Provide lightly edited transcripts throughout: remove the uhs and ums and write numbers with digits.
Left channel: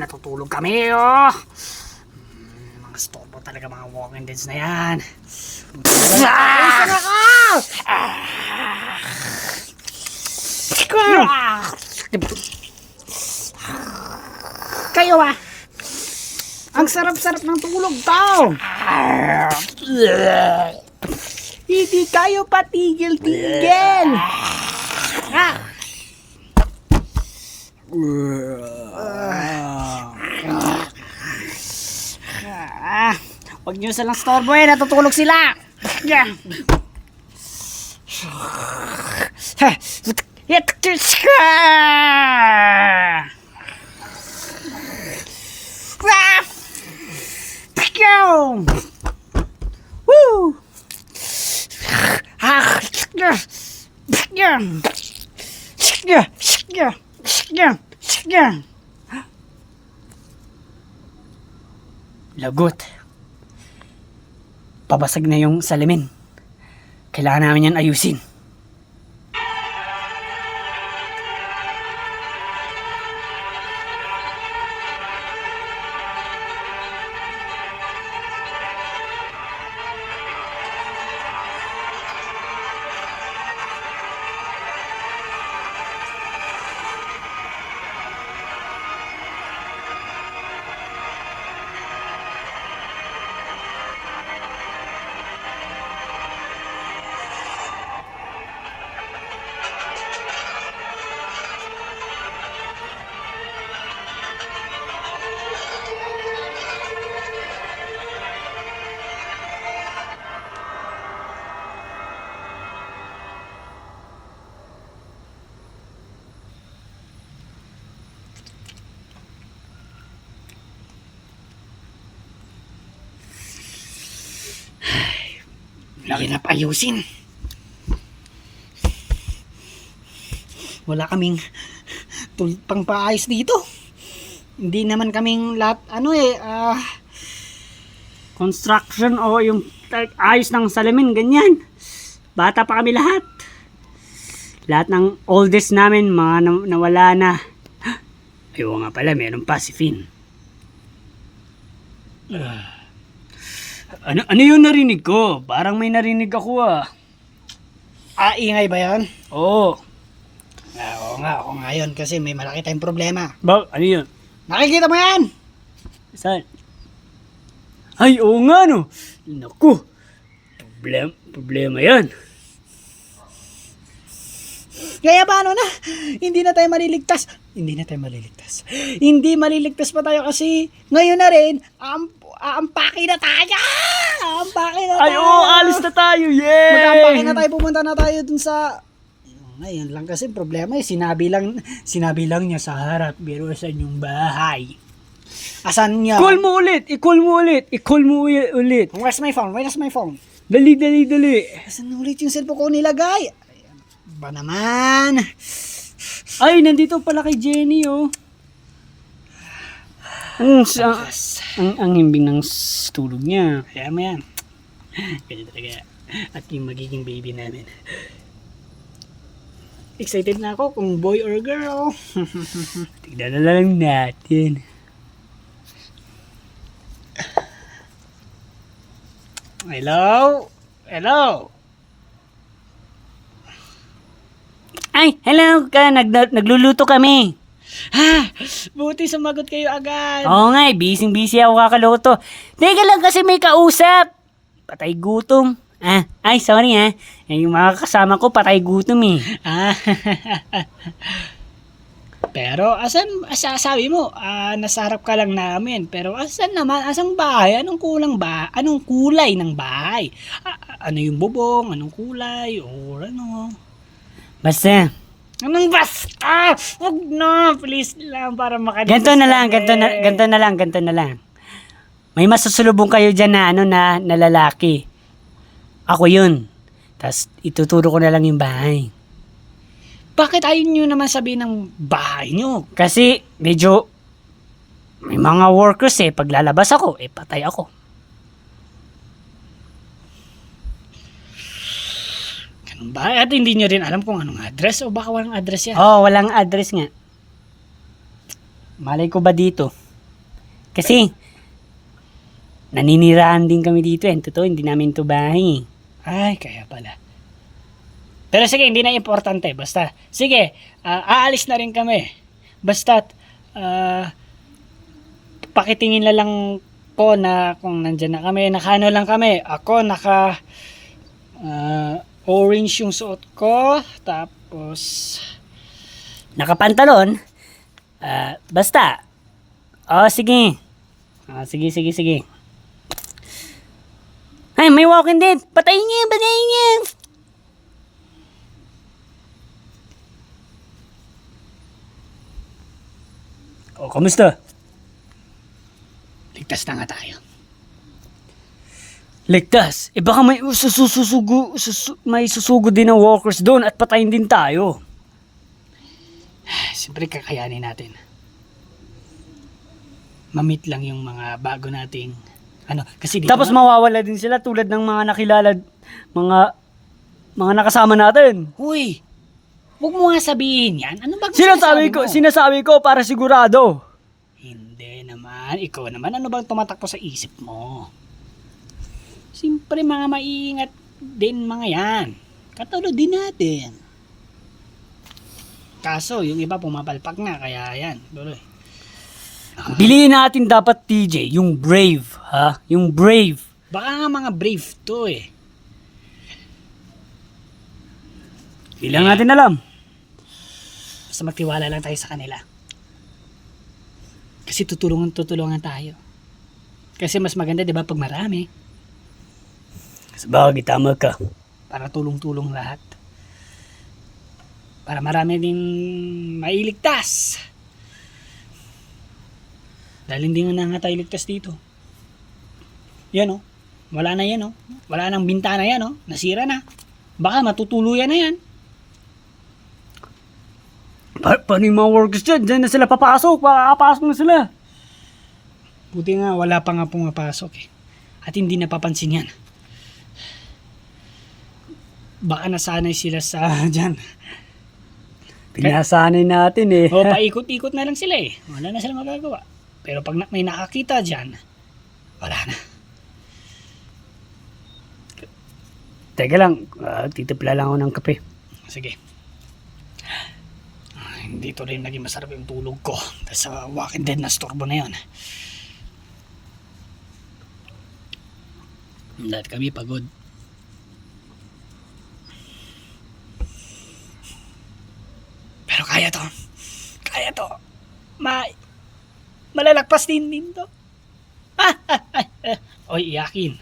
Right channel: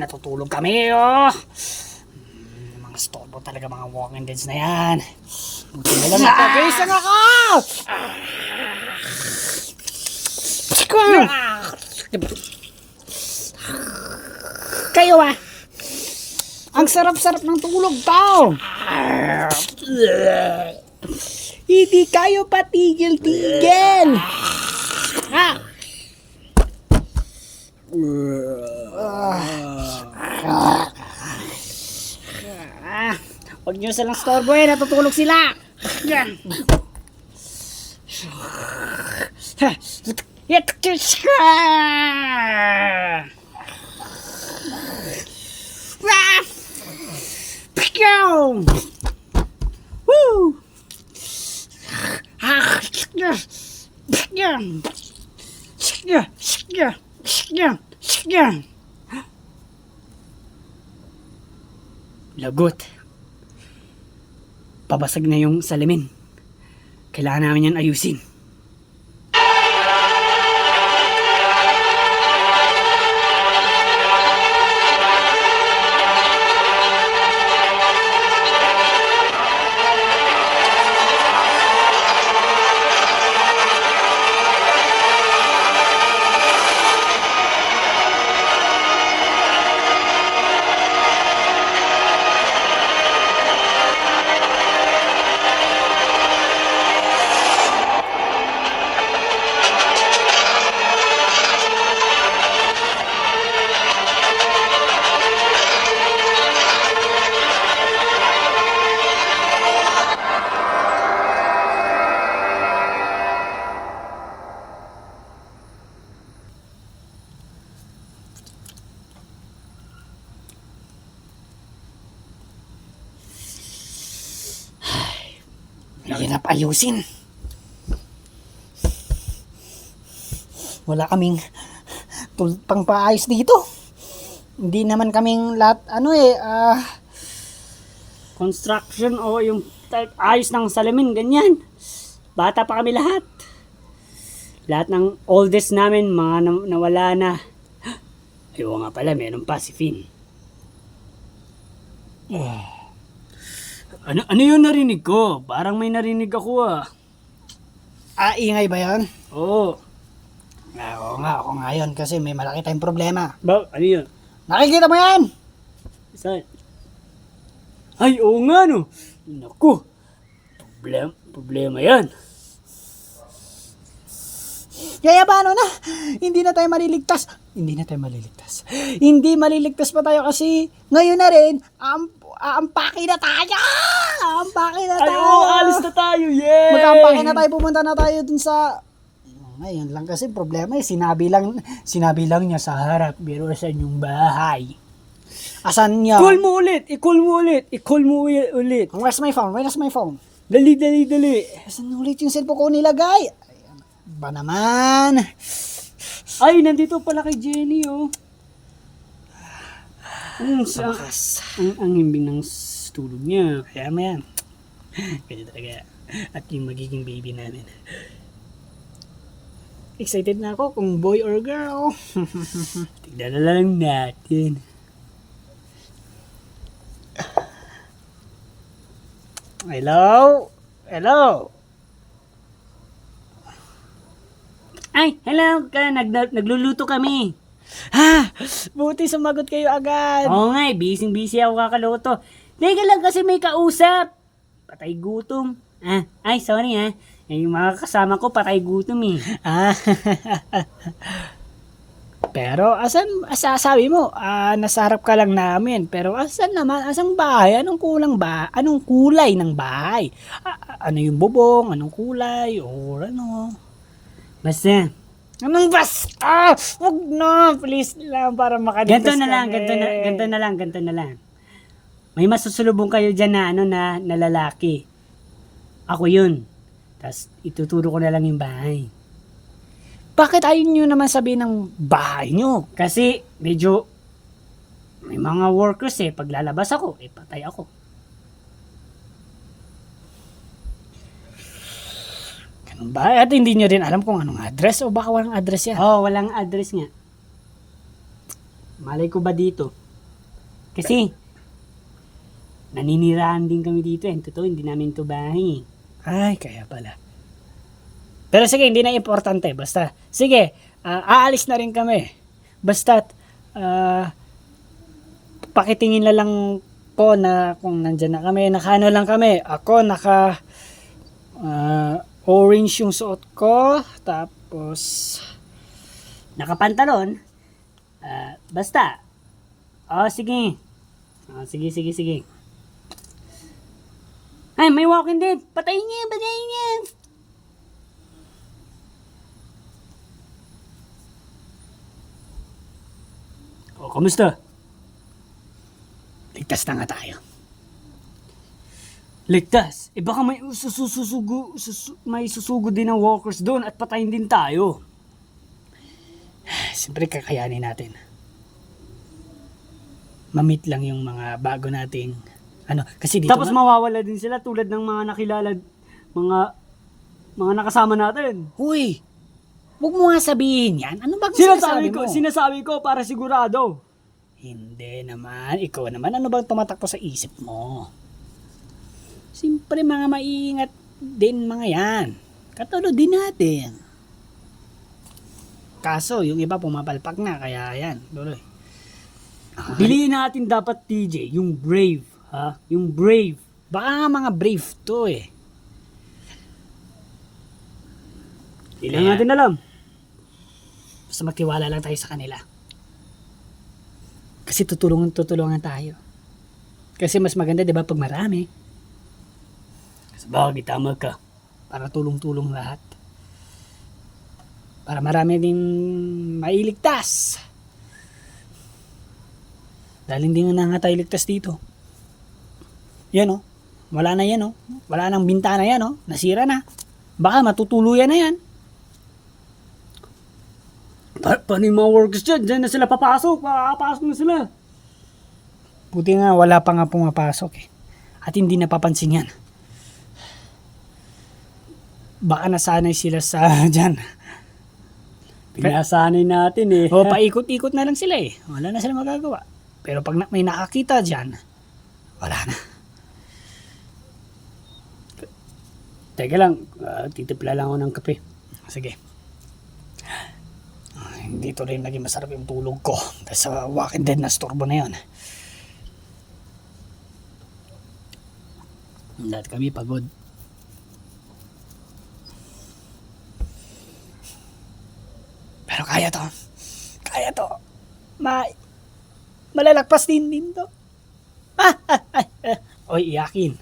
natutulog kami, oh. Mga storbo talaga, mga walking deads na yan. Buti na lang napag-isa na ka! Kayo ah! Ang sarap-sarap ng tulog to! Hindi kayo patigil-tigil! Huwag nyo silang storbo eh, natutulog sila! Woo! Lagot. Pabasag na yung salamin. Kailangan namin yan ayusin. Hirap ayusin. Wala kaming pang paayos dito. Hindi naman kaming lahat construction o yung ayos ng salamin ganyan. Bata pa kami lahat. Lahat ng oldest namin mga nawala na. Ayaw nga pala, meron pa si Finn. Ano yung narinig ko? Parang may narinig ako ah. Ingay ba yan? Oo. Oo nga, ako nga yun kasi may malaki tayong problema. Ano yun? Nakikita mo yan? Saan? Ay, oo nga no. Naku, problema yan. Kaya paano na? Hindi na tayo maliligtas. Hindi maliligtas pa tayo kasi ngayon na rin, aampake na tayo! Ay, oo, alis na tayo, yay! Mag-aampake na tayo, pumunta na tayo dun sa... Ngayon lang kasi problema eh, sinabi lang niya sa harap, pero sa inyong bahay. Asan niya? I-call mo ulit. Where's my phone? Dali. Asan ulit yung cellphone ko nilagay? Ba naman? Ay, nandito pala kay Jenny, oh. Ang himbing ng tulog niya. Kaya mo yan. Kaya talaga. At yung magiging baby namin. Excited na ako kung boy or girl. Tignan na lang natin. Hello? Ay, hello ka. Nagluluto kami. Ha? Buti sumagot kayo agad. Oo nga, busy ako kakaloto. Teka lang kasi may kausap. Patay gutom. Ay, sorry ha. Yung mga kasama ko patay gutom eh. Pero sabi mo, nasa harap ka lang namin. Pero asan naman? Asang bahay? Anong kulay ng bahay? Ano yung bubong? Anong kulay? Or ano? Basta. Anong basta? Wag na. Please lang para makaligtas Ganto na lang. May masusulubong kayo dyan na lalaki. Ako yun. Tapos ituturo ko na lang yung bahay. Bakit ayaw nyo naman sabihin ng bahay nyo? Kasi medyo may mga workers pag lalabas ako, patay ako. Ganun ba? At hindi nyo rin alam kung anong address o baka walang address yan? Oo, walang address nga. Malay ko ba dito? Kasi, naninirahan din kami dito eh. Totoo, hindi namin ito bahay. Ay, kaya pala. Pero sige, hindi na importante. Basta, sige, aalis na rin kami. Basta, pakitingin na lang po na kung nandyan na kami, naka lang kami. Ako, orange yung suot ko. Tapos, Nakapantalon. Basta. Sige. Sige. Ay, may Walking Dead. Patayin niya. Kamusta? Ligtas na nga tayo. Ligtas. Baka may susugod din ng walkers doon at patayin din tayo. Siyempre kakayanin natin. Mamit lang yung mga bago nating kasi dito Tapos mawawala din sila tulad ng mga nakilala, mga nakasama natin. Huy, huwag mo nga sabihin yan. Ano ba sinasabi mo? Sinasabi ko para sigurado. Hindi naman. Ikaw naman, ano bang tumatakbo sa isip mo? Siyempre mga maiingat din mga yan. Katulad din natin. Kaso, yung iba pumapalpak na, kaya yan. Tuloy. Piliin natin dapat TJ, yung brave, ha? Yung brave. Baka nga mga brave to eh. Hindi lang natin alam. Basta magtiwala lang tayo sa kanila. Kasi tutulungan tayo. Kasi mas maganda, di ba, pag marami. Sabagay, tama ka. Para tulong-tulong lahat. Para marami din mailigtas. Dahil hindi nga tayo ligtas dito. Yan o. Wala na yan o. Wala nang bintana yan o. Nasira na. Baka matutuluyan na yan. Paano yung mga workers dyan? Diyan na sila papasok. Papasok na sila. Buti nga wala pa nga pumapasok eh. At hindi napapansin yan. Baka nasanay sila sa dyan. Pinasanay natin eh. O paikot-ikot na lang sila eh. Wala na sila magagawa. Pero pag may nakakita dyan, wala na. Teka lang, titipla lang ako ng kape. Sige. Hindi to rin naging masarap yung tulog ko. Tapos sa Walking Dead na storbo na yun. Lahat kami pagod. Pero kaya to. Kaya to. Malalagpas din to. Oy, iyakin.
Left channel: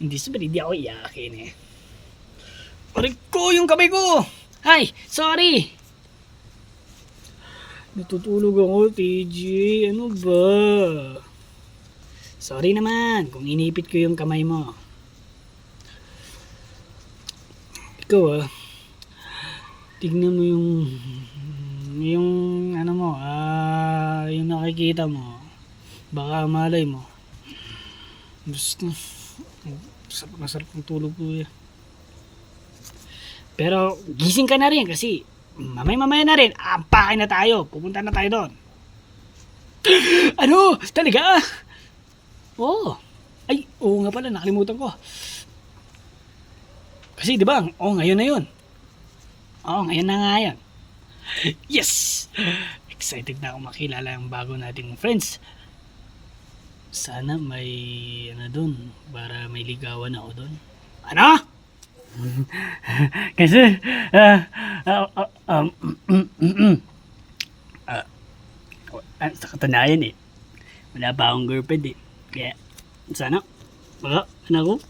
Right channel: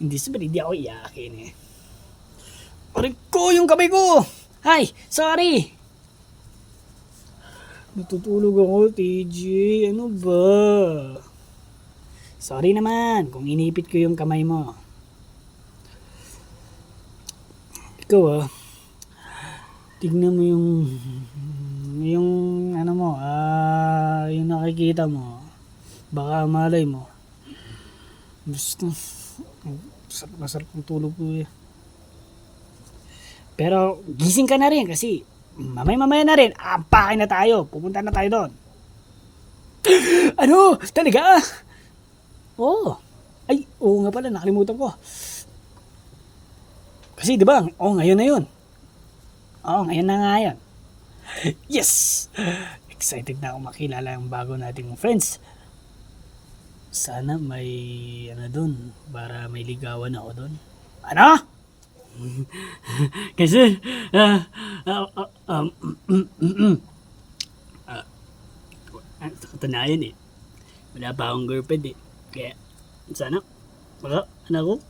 Hindi ako iyakin eh. Aray ko, yung kamay ko! Ay, sorry! Natutulog ako, TJ. Ano ba? Sorry naman kung inipit ko yung kamay mo. Ikaw tignan mo yung ano mo, yung nakikita mo. Baka malay mo. Basta, masarap ang tulog ko eh. Pero gising ka na rin kasi mamaya na rin, ampakin na tayo. Pupunta na tayo doon. Ano? Talaga? Oo. Ay, oo nga pala, nakalimutan ko. Kasi di ba, ngayon na yun. Oo, ngayon na nga yan. Yes! Excited na ako makilala ang bago nating friends. Sana may doon para may ligawan ako doon. Ano? Kasi, sa katunayan wala pa akong girlfriend Kaya, sana, baka, ako,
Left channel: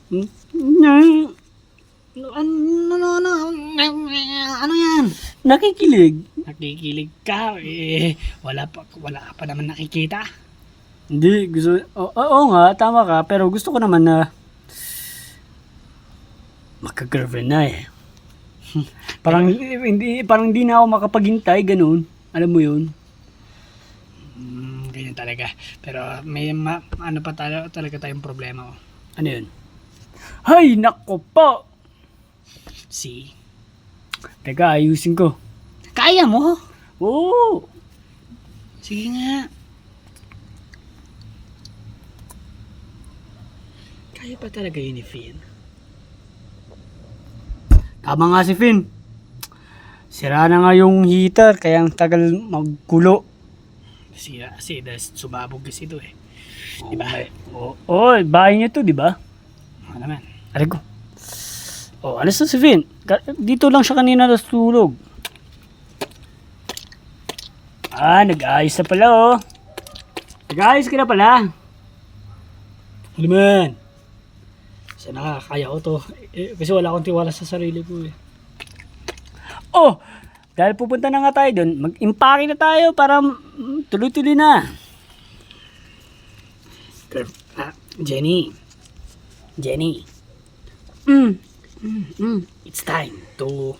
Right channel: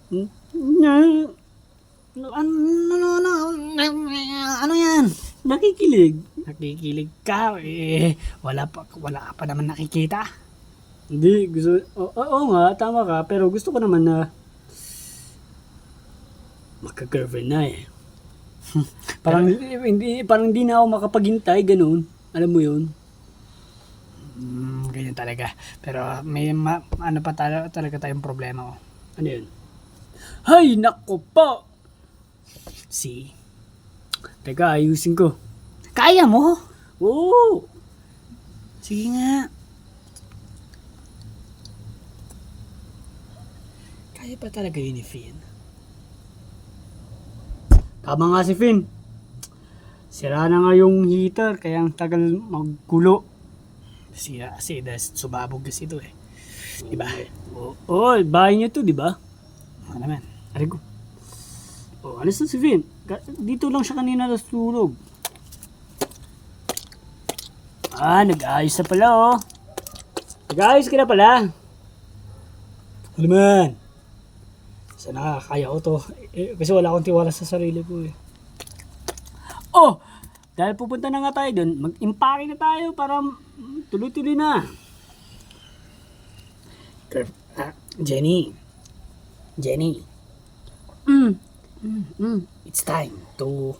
Ano yan? nakikilig. Nakikilig ka wala pa naman nakikita. Hindi, oo nga, tama ka, pero gusto ko naman na magka-girlfriend na parang hindi na ako makapaghintay, ganun. Alam mo yun? Ganyan talaga. Pero may talaga tayong problema. Ano yun? Hay, nako po! Teka, ayusin ko. Kaya mo? Oo! Sige nga. Kaya pa talaga yun ni Finn. Tama nga si Finn. Sira na nga yung heater, kaya ang tagal magkulo. Sira kasi dahil sumabog kasi ito eh. Diba? Oo, bahay niya to, diba? Ano naman, aray ko. Alis na si Finn. Dito lang siya kanina natulog. Nag-ayos na pala Nag-ayos ka na pala. Ano man? Kasi nakakaya ko to. Kasi wala akong tiwala sa sarili ko eh. Dahil pupunta na nga tayo doon, mag-impake na tayo para tuloy-tuloy na. Jenny. It's time to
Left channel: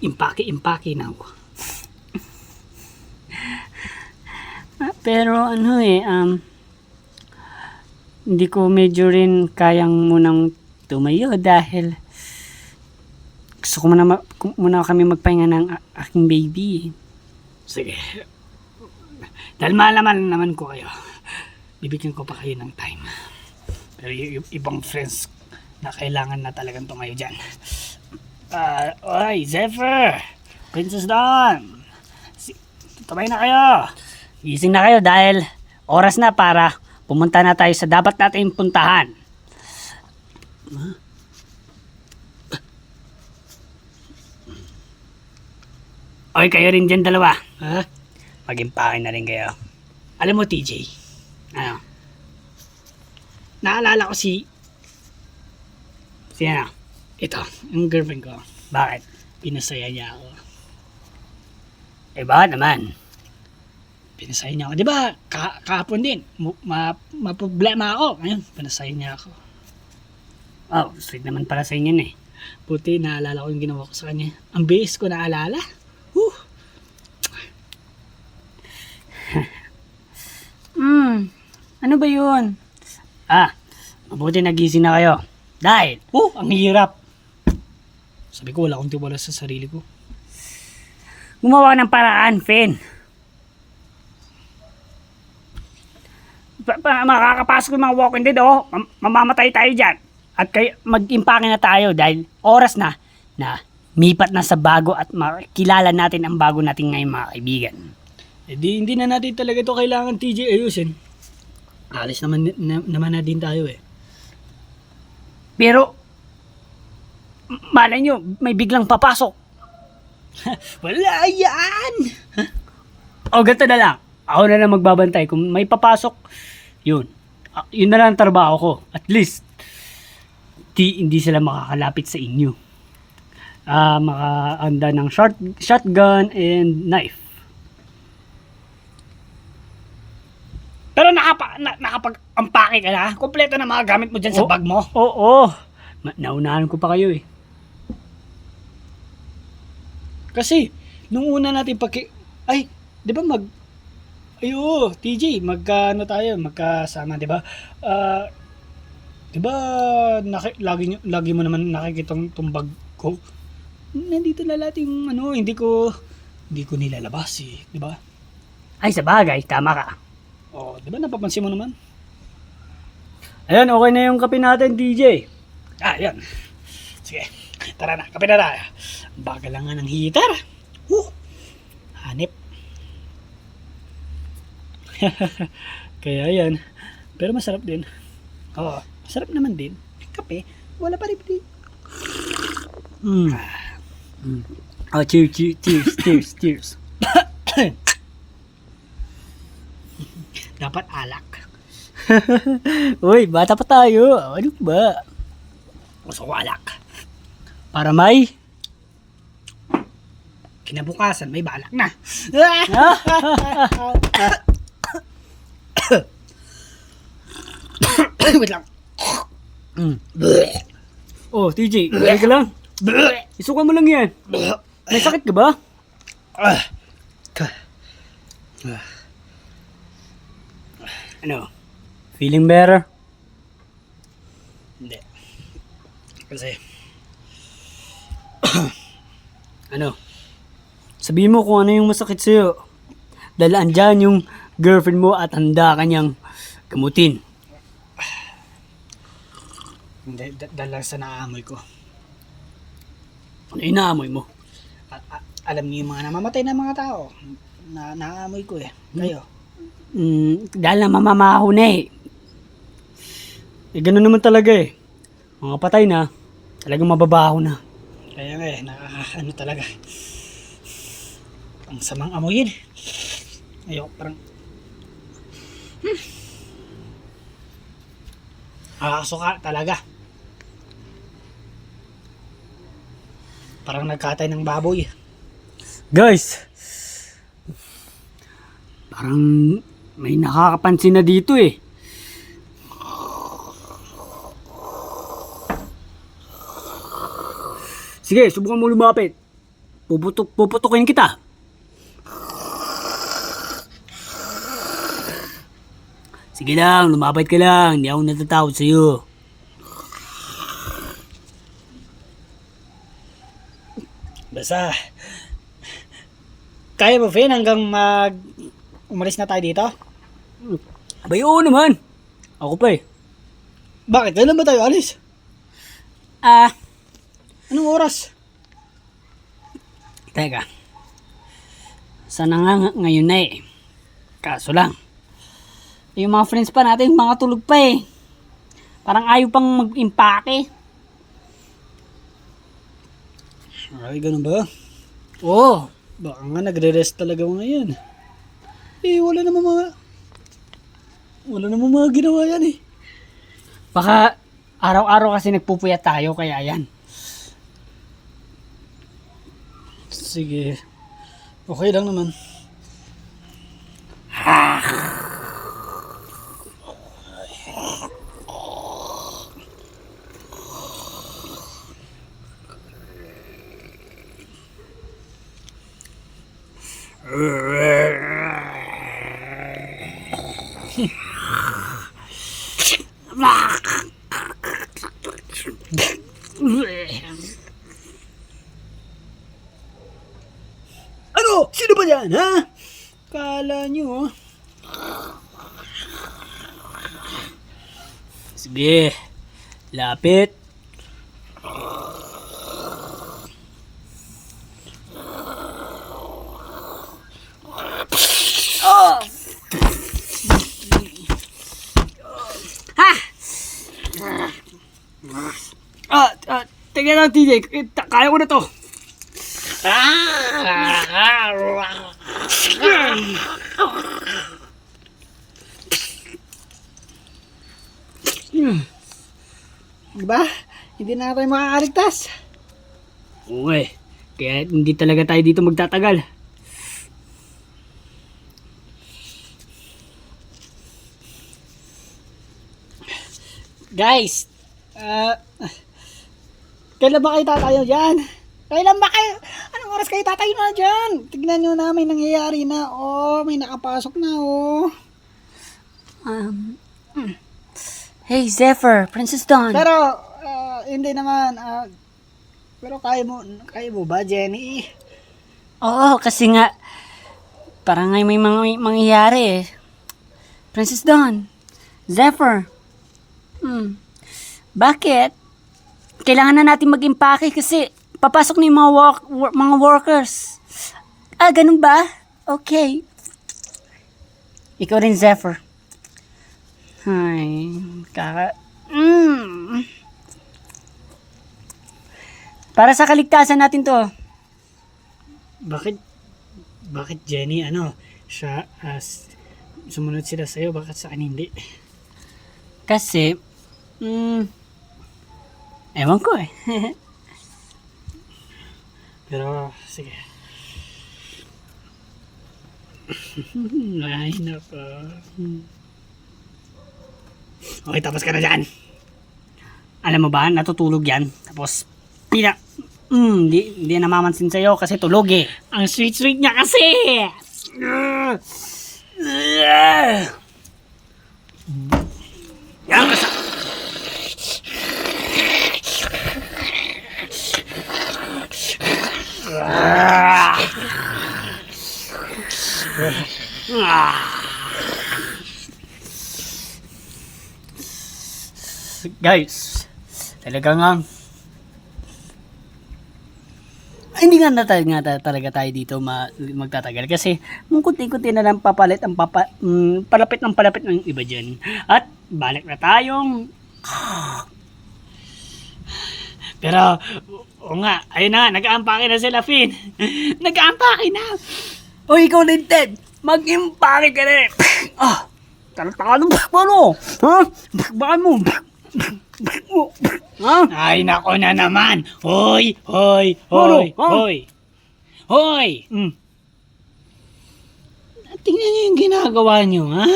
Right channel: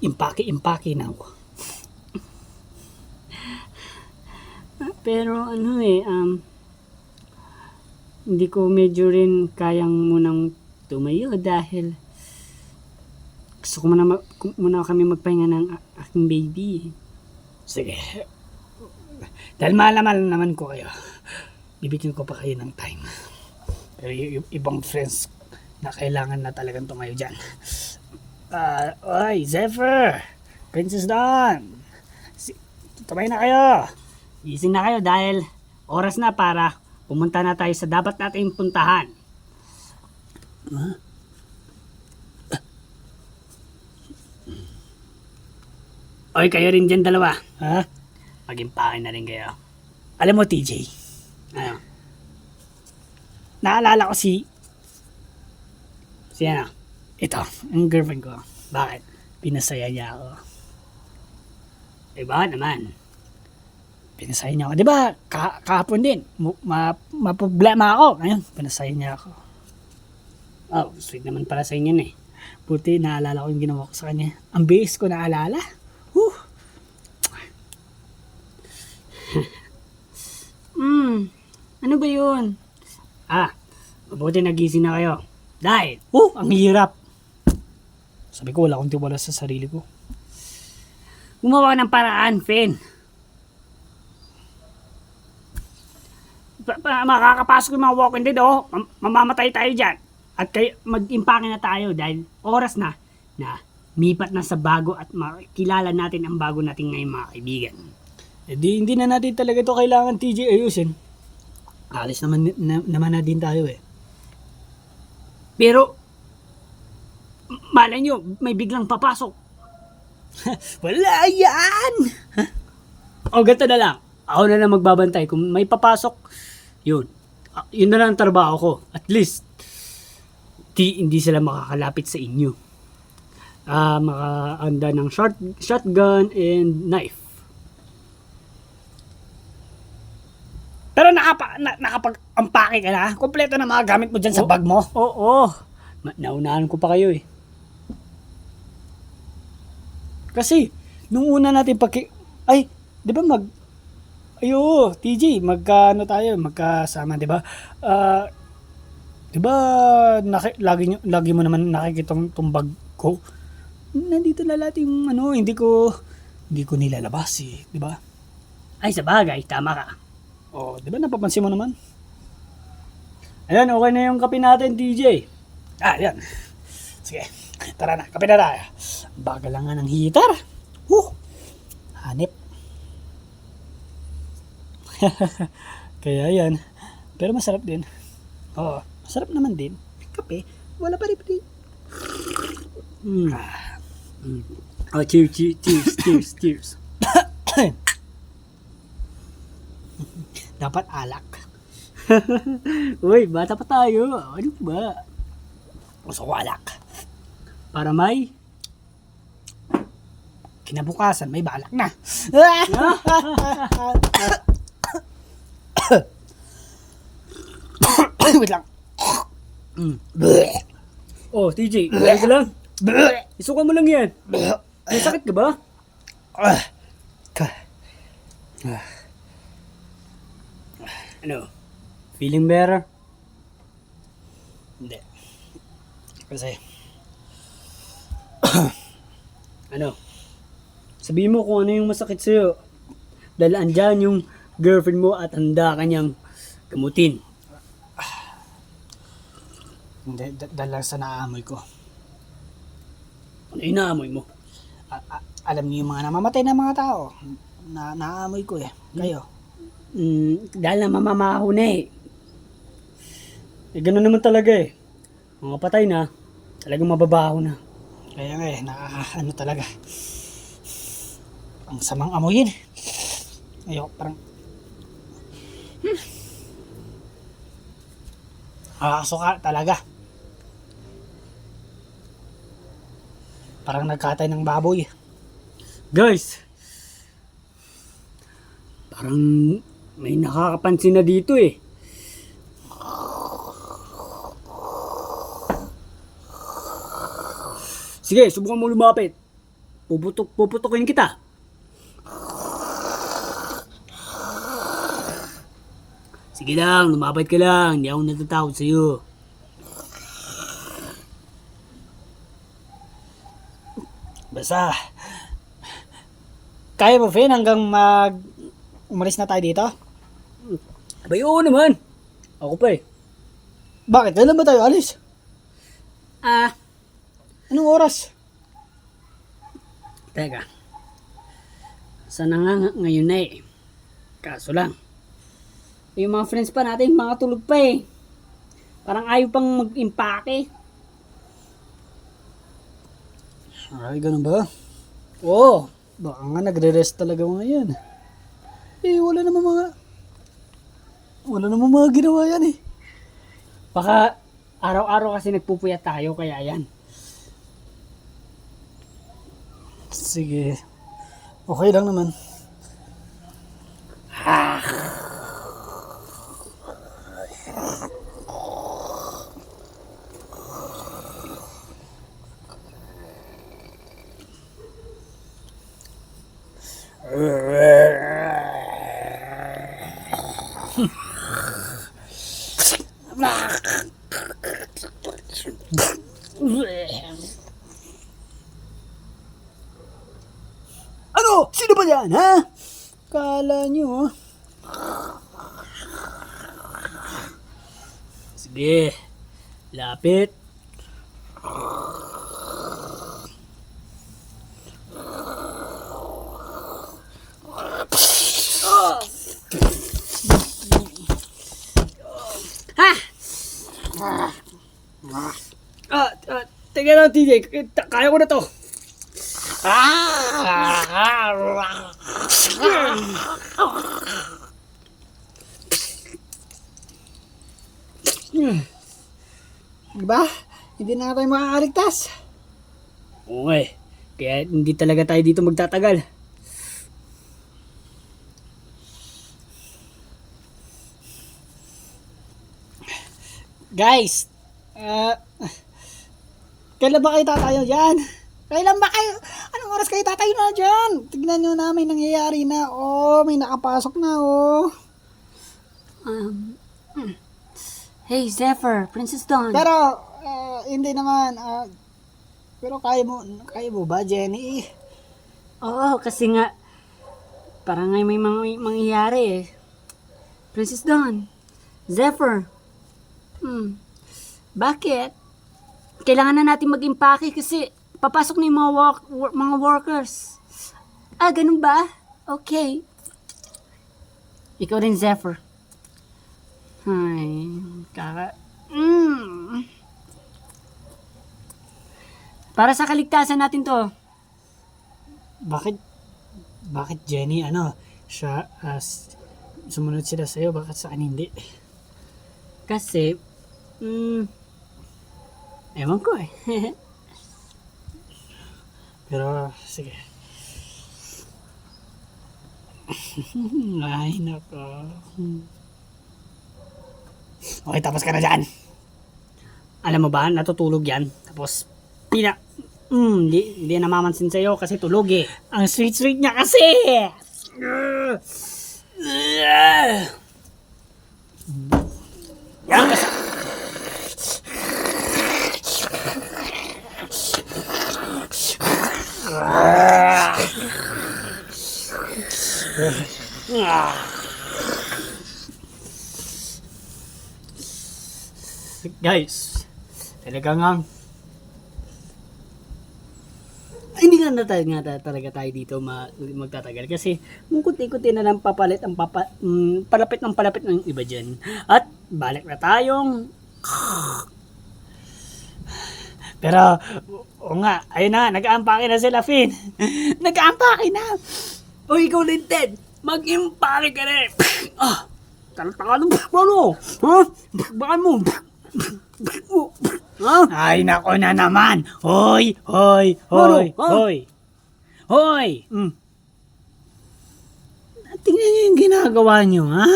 impake now. Pero hindi ko medyo rin kayang munang tumayo dahil gusto ko muna kami magpahinga ng aking baby. Sige. Dahil mahal naman ko kayo, bibigyan ko pa kayo ng time. Pero yung ibang friends na kailangan na talagang tumayo dyan. Oy, Zephyr! Princess Dawn! Tumayo na kayo! Gising na kayo dahil oras na para pumunta na tayo sa dapat natin puntahan. Oy, kayo rin dyan dalawa. Mag-impake na rin kayo. Alam mo, TJ, naalala ko si ito, yung girlfriend ko. Bakit? Pinasaya niya ako. Bakit naman? Pinasaya niya ako. Di ba, kahapon din, maproblema ako. Ayun, pinasaya niya ako. Sweet naman para sa inyo eh. Buti, naalala ko yung ginawa ko sa kanya. Ang base ko naalala. Ano ba yun? Mabuti nagising na kayo. Dahil, ang hirap. Sabi ko, wala akong tiwala sa sarili ko. Gumawa ng paraan, Finn. Makakapasok yung mga walking dead, mamamatay tayo dyan. At mag-impake na tayo dahil oras na mipat na sa bago at makilala natin ang bago natin ngayon mga kaibigan. Hindi na natin talaga ito kailangan, TJ, ayusin. Alis naman na din tayo eh. Pero, malay nyo, may biglang papasok. Wala yan! Ganito na lang. Ako na lang magbabantay. Kung may papasok, yun. Yun na lang ang trabaho ko. At least, hindi sila makakalapit sa inyo. Makaanda ng shotgun and knife. Pero nakapag-ampake ka na? Kompleto na mga gamit mo dyan sa bag mo? Oo. Naunahan ko pa kayo eh. Kasi, nung una natin di ba TJ, magkasama, di ba? Di ba, lagi mo naman nakikitang tumbag ko? Nandito na lahat yung hindi ko nilalabas eh, di ba? Ay, sa bagay, tama ka. Di ba napapansin mo naman? Ayan, okay na yung kape natin, DJ. Ayan. Sige, tara na, kape na tayo. Bagal lang nga ng heater. Hanip. Kaya yan. Pero masarap din. Masarap naman din. Kape, wala pa rin. Cheers. Dapat alak. Uy, bata pa tayo. Ano ba? Gusto ko alak. Para may kinabukasan, may balak na. Wait lang. TJ, ka lang. Isukan mo lang yan. May sakit ka ba? Ano? Feeling better? Hindi. Kasi sabihin mo kung ano yung masakit sa'yo. Dahil andyan yung girlfriend mo at handa kanyang gamutin. Hindi, dahil lang sa naamoy ko. Ano inaamoy mo? Alam niyo yung mga namamatay na mga tao. Naamoy ko eh. Kayo. Dahil na mamamaho na eh. Eh, ganun naman talaga eh. Mga patay na, talagang mababaho na. Kaya nga eh, ano talaga. Ang samang amoyin. Ayoko, parang... Nakakasuka talaga. Parang nagkatay ng baboy. Guys, parang may nakakapansin na dito eh. Sige, subukan mo lumapit. Puputukin kita. Sige lang, lumapit ka lang. Hindi ako natatakot sa'yo. Basta... Kaya mo, Finn, hanggang umalis na tayo dito? Abay, oo naman. Ako pa eh. Bakit? Kailan ba tayo alis? Anong oras? Teka. Sana nga ngayon na eh. Kaso lang. Yung mga friends pa natin, mga tulog pa eh. Parang ayaw pang mag-impake. Ay, ganun ba? Oo. Baka nga nagre-rest talaga mga yan. Eh, wala namang mga ginawa yan eh. Baka araw-araw kasi nagpupuyat tayo kaya yan. Sige. Okay lang naman. Ano? Sino ba yan, ha? Kala nyo, Sige. Lapit. Teka lang, TJ. Kaya ko na to. Diba? Hindi na tayo makakaligtas. Oo eh. Kaya hindi talaga tayo dito magtatagal. Guys, kailan ba kayo tatayo dyan? Kailan ba kayo? Anong oras kayo tatayo na dyan? Tignan nyo na, may nangyayari na. Oh, may nakapasok na, oh. Hey, Zephyr, Princess Dawn. Pero, hindi naman. Pero kaya mo ba, Jenny? Oo, kasi nga, parang ngay may mangyayari eh. Princess Dawn, Zephyr. Bakit? Kailangan na natin mag-impake kasi papasok na yung mga workers. Ganun ba? Okay. Ikaw rin, Zephyr. Ay, Para sa kaligtasan natin to. Bakit Jenny, siya, sumunod sila sa'yo, bakit sa akin hindi? Kasi, ewan ko eh. Pero, sige. Ay, nako. Okay, tapos ka na dyan. Alam mo ba, natutulog yan. Tapos, hindi namamansin sa'yo kasi tulog eh. Ang sweet niya kasi! Guys, Talagang hindi nga talaga tayo dito magtatagal kasi kunti-kunti na lang palapit ng palapit ng iba dyan. At balik na tayong pero o nga, ayun na, nag-aampake na sila, Finn. Nag-aampake na. O ikaw din, Ted. Mag-impake ka na. Oh, talaga mo. Ha? Bakbakan mo. Ay, nako na naman. Hoy. Hoy. Tingnan niyo yung ginagawa niyo, ha?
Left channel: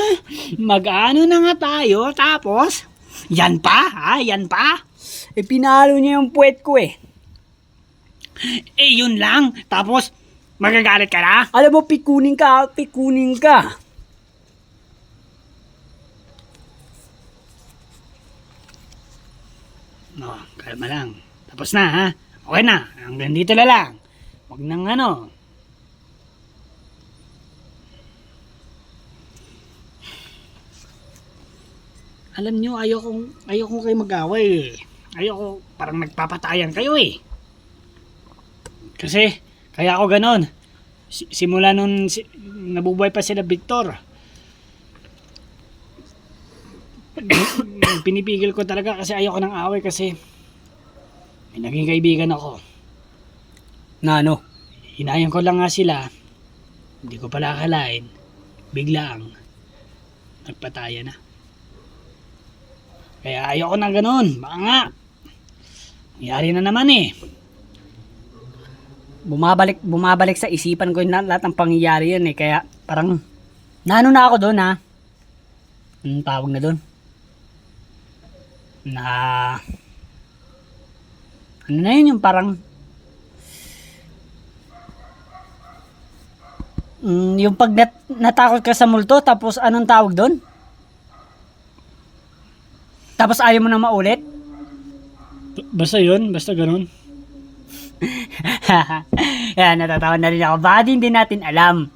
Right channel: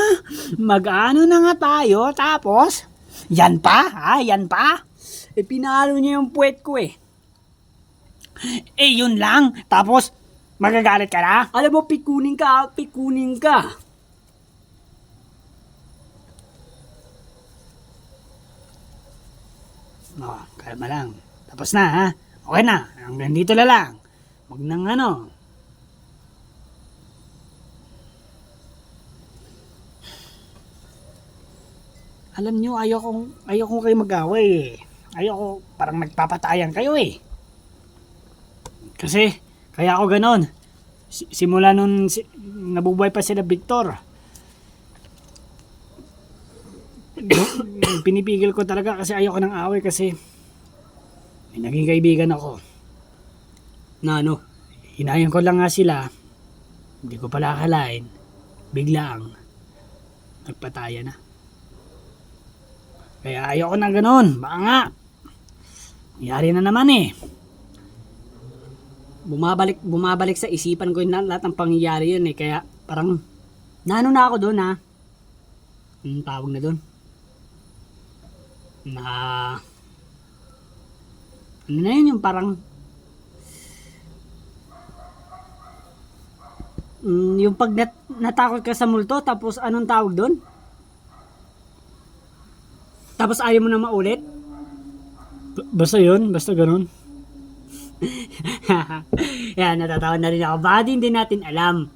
Mag-ano na nga tayo, tapos, yan pa. Pinalo niya yung puwet ko eh. Yun lang. Tapos, magagalit ka na? Alam mo, pikunin ka. No, kalma lang. Tapos na, ha? Okay na. Hanggang dito na lang. Huwag nang ano. Alam nyo, ayokong kayo mag-away eh. Ayoko, parang nagpapatayan kayo eh. Kasi, kaya ako ganon. Simula nun, nabubuhay pa sila Victor. Pinipigil ko talaga kasi ayoko ng away kasi may naging kaibigan ako. Na hinayang ko lang nga sila. Hindi ko pala akalain. Biglang, nagpataya na. Kaya ayoko na ganon. Baka nga, nangyari na naman eh. Bumabalik sa isipan ko yung lahat ng pangyayari yun eh. Kaya parang na ako doon ha. Anong tawag na doon? Na ano na yun yung parang yung pag natakot ka sa multo tapos anong tawag doon? Tapos ayaw mo na maulit? Basta yun, basta ganun. Yan, natatawa na rin ako. Baka hindi natin alam.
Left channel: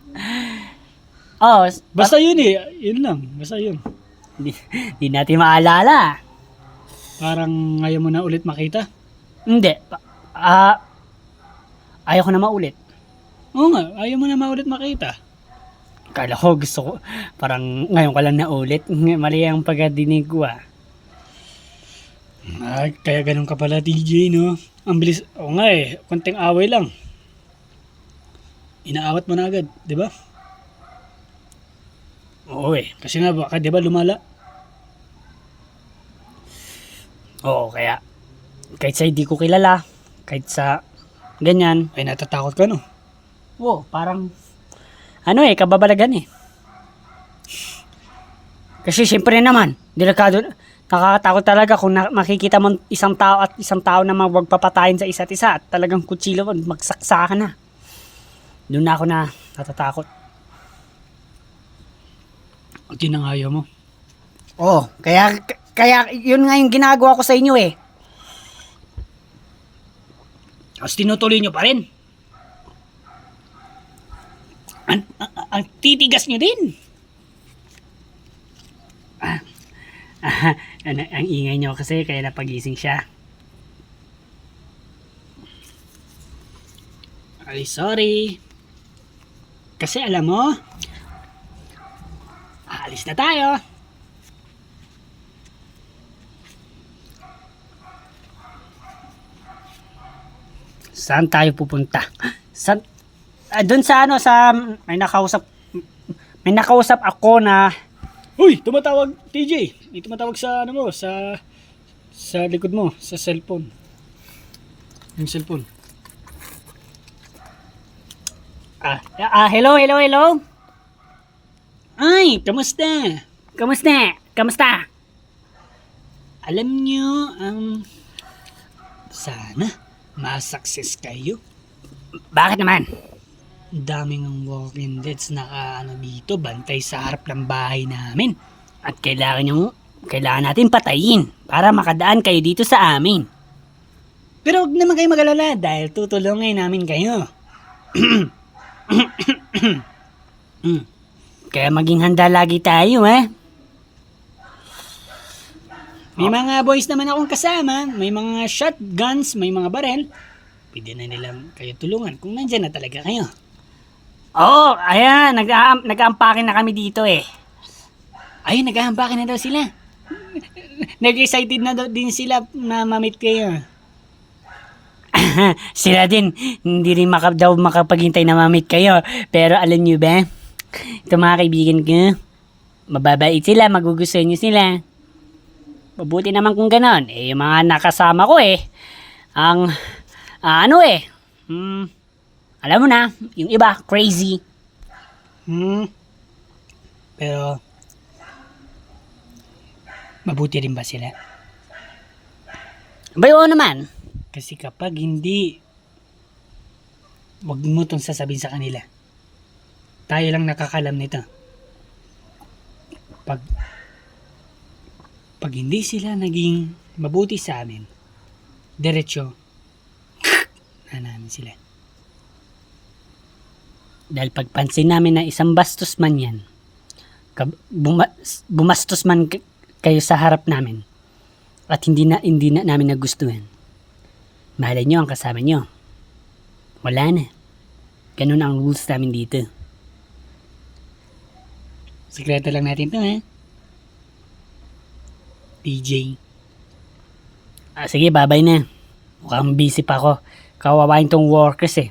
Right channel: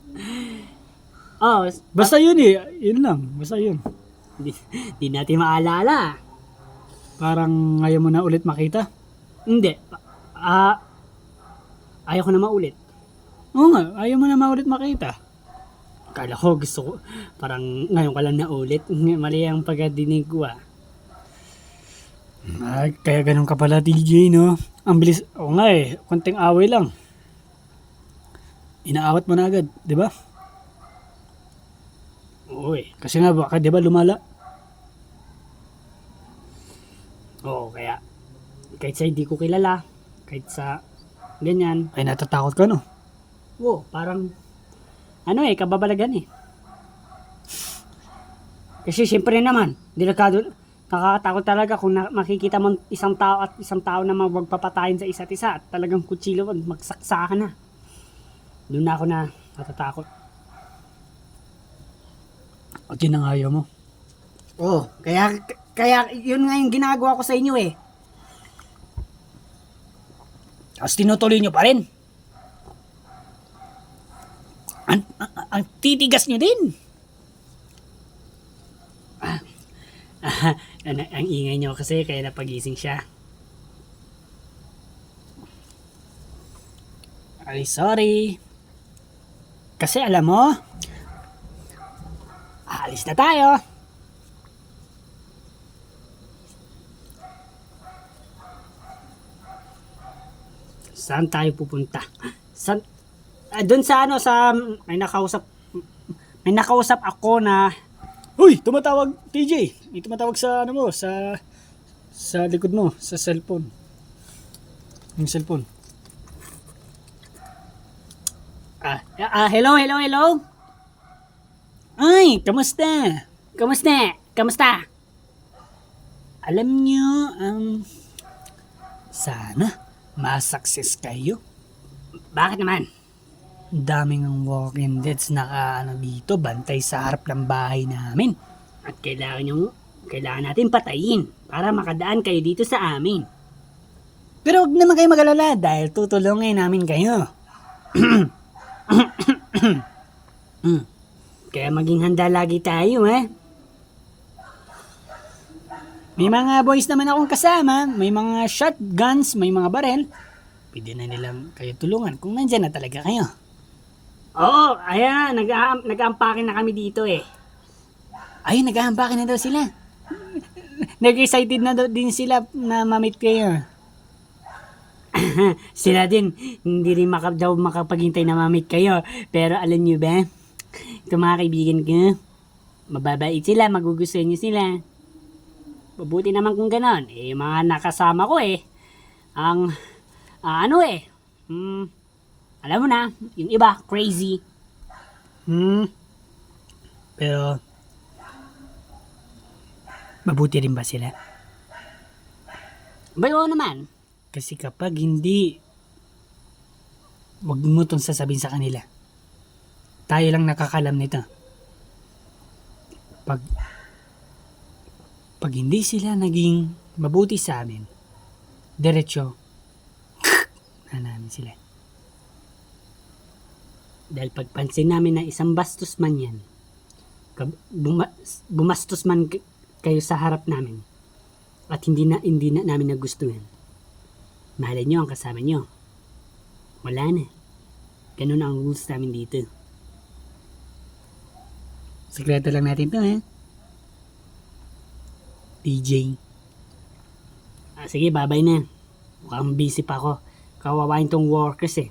Oh, basta yun eh. Yun lang. Basta yun. Hindi natin maalala. Parang ayaw mo na ulit makita? Hindi. Ayaw ko na maulit. Oo nga, ayaw mo na maulit makita. Kala ko gusto ko. Parang ngayon ka lang na ulit. Mali ang pagkadinig ko ah. Ay, kaya ganun ka pala, TJ, no? Ang bilis. Oo nga eh, konting away lang. Inaawat mo na agad, di ba? Oo eh, kasi nga baka, di ba, lumala? Oo, kaya kahit sa hindi ko kilala, kahit sa ganyan, ay natatakot ka, no? Oo, parang kababalagan eh. Kasi siyempre naman, delikado. Nakakatakot talaga kung makikita mo isang tao na magpapatayin sa isa't isa at talagang kutsilo magsaksakan na. Doon na ako na natatakot. At yun ang ayaw mo. Oo, kaya yun nga yung ginagawa ko sa inyo eh. Tapos tinutuloy nyo pa rin. Ang titigas nyo din. Ang ingay nyo kasi kaya napagising siya. Ay, sorry. Kasi alam mo, aalis na tayo. Saan tayo pupunta? Doon sa may nakausap ako na Uy, tumatawag TJ. May tumatawag sa sa likod mo, sa cellphone. Yung cellphone. Hello. Ay, kamusta? Alam nyo, sana ma-success kayo. Bakit naman? Daming ang walking deads na dito, bantay sa harap ng bahay namin. At kailangan natin patayin para makadaan kayo dito sa amin. Pero huwag naman kayo mag-alala dahil tutulungan namin kayo. Kaya maging handa lagi tayo, eh. May mga boys naman akong kasama, may mga shotguns, may mga barel. Pwede na nilang kayo tulungan kung nandyan na talaga kayo. Oo, ayan, nag-aampake na kami dito eh. Ayun, nag-aampake na daw sila. Nag-excited na daw din sila na mamit kayo. Sila din, hindi rin daw makapaghintay na mamit kayo. Pero alam nyo ba, ito mga kaibigan ko, mababait sila, magugustuhan nyo sila. Mabuti naman kung ganon. Eh, yung mga nakasama ko eh, ang, alam mo na, yung iba, crazy. Pero, mabuti rin ba sila? Bayo naman. Kasi kapag hindi, wag mo itong sasabihin sa kanila. Tayo lang nakakalam nito. Pag hindi sila naging mabuti sa amin, diretso, na namin sila. Dahil pagpansin namin na isang bastos man yan, bumastos man kayo sa harap namin, at hindi na namin nagustuhan, mahalin nyo ang kasama nyo. Wala na. Ganun ang rules namin dito. Sikreto lang natin to, ha? DJ. Sige, babay na. Mukhang busy pa ako. Kawawain tong workers eh.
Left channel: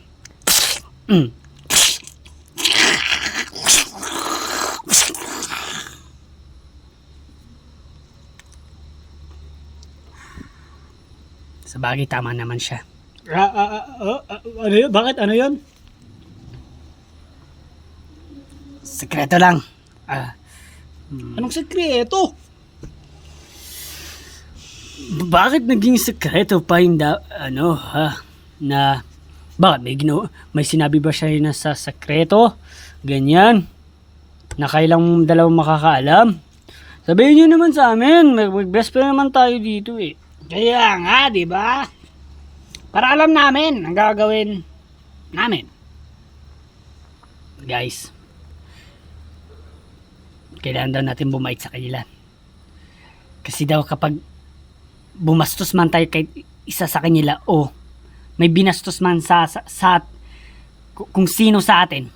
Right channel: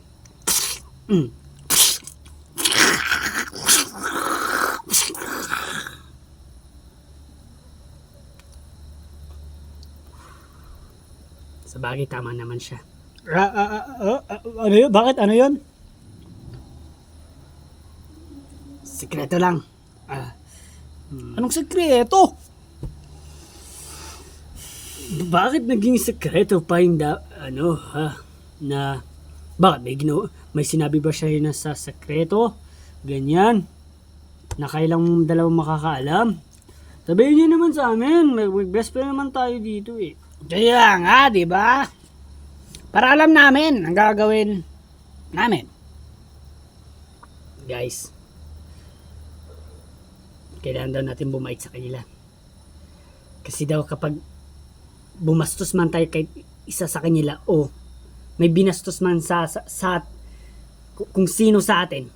Sa bagay, tama naman siya. Ano yun? Bakit? Ano yun? Sekreto lang. Anong sekreto? Bakit naging sekreto pa yung na bakit may sinabi ba siya na sa sekreto? Ganyan. Na kailang dalawang makakaalam. Sabihin niyo naman sa amin, mag-best friend naman tayo dito eh. Kaya nga, di ba? Para alam namin ang gagawin namin. Guys, kailangan daw natin bumait sa kanila. Kasi daw kapag bumastos man tayo kay isa sa kanila o may binastos man sa kung sino sa atin,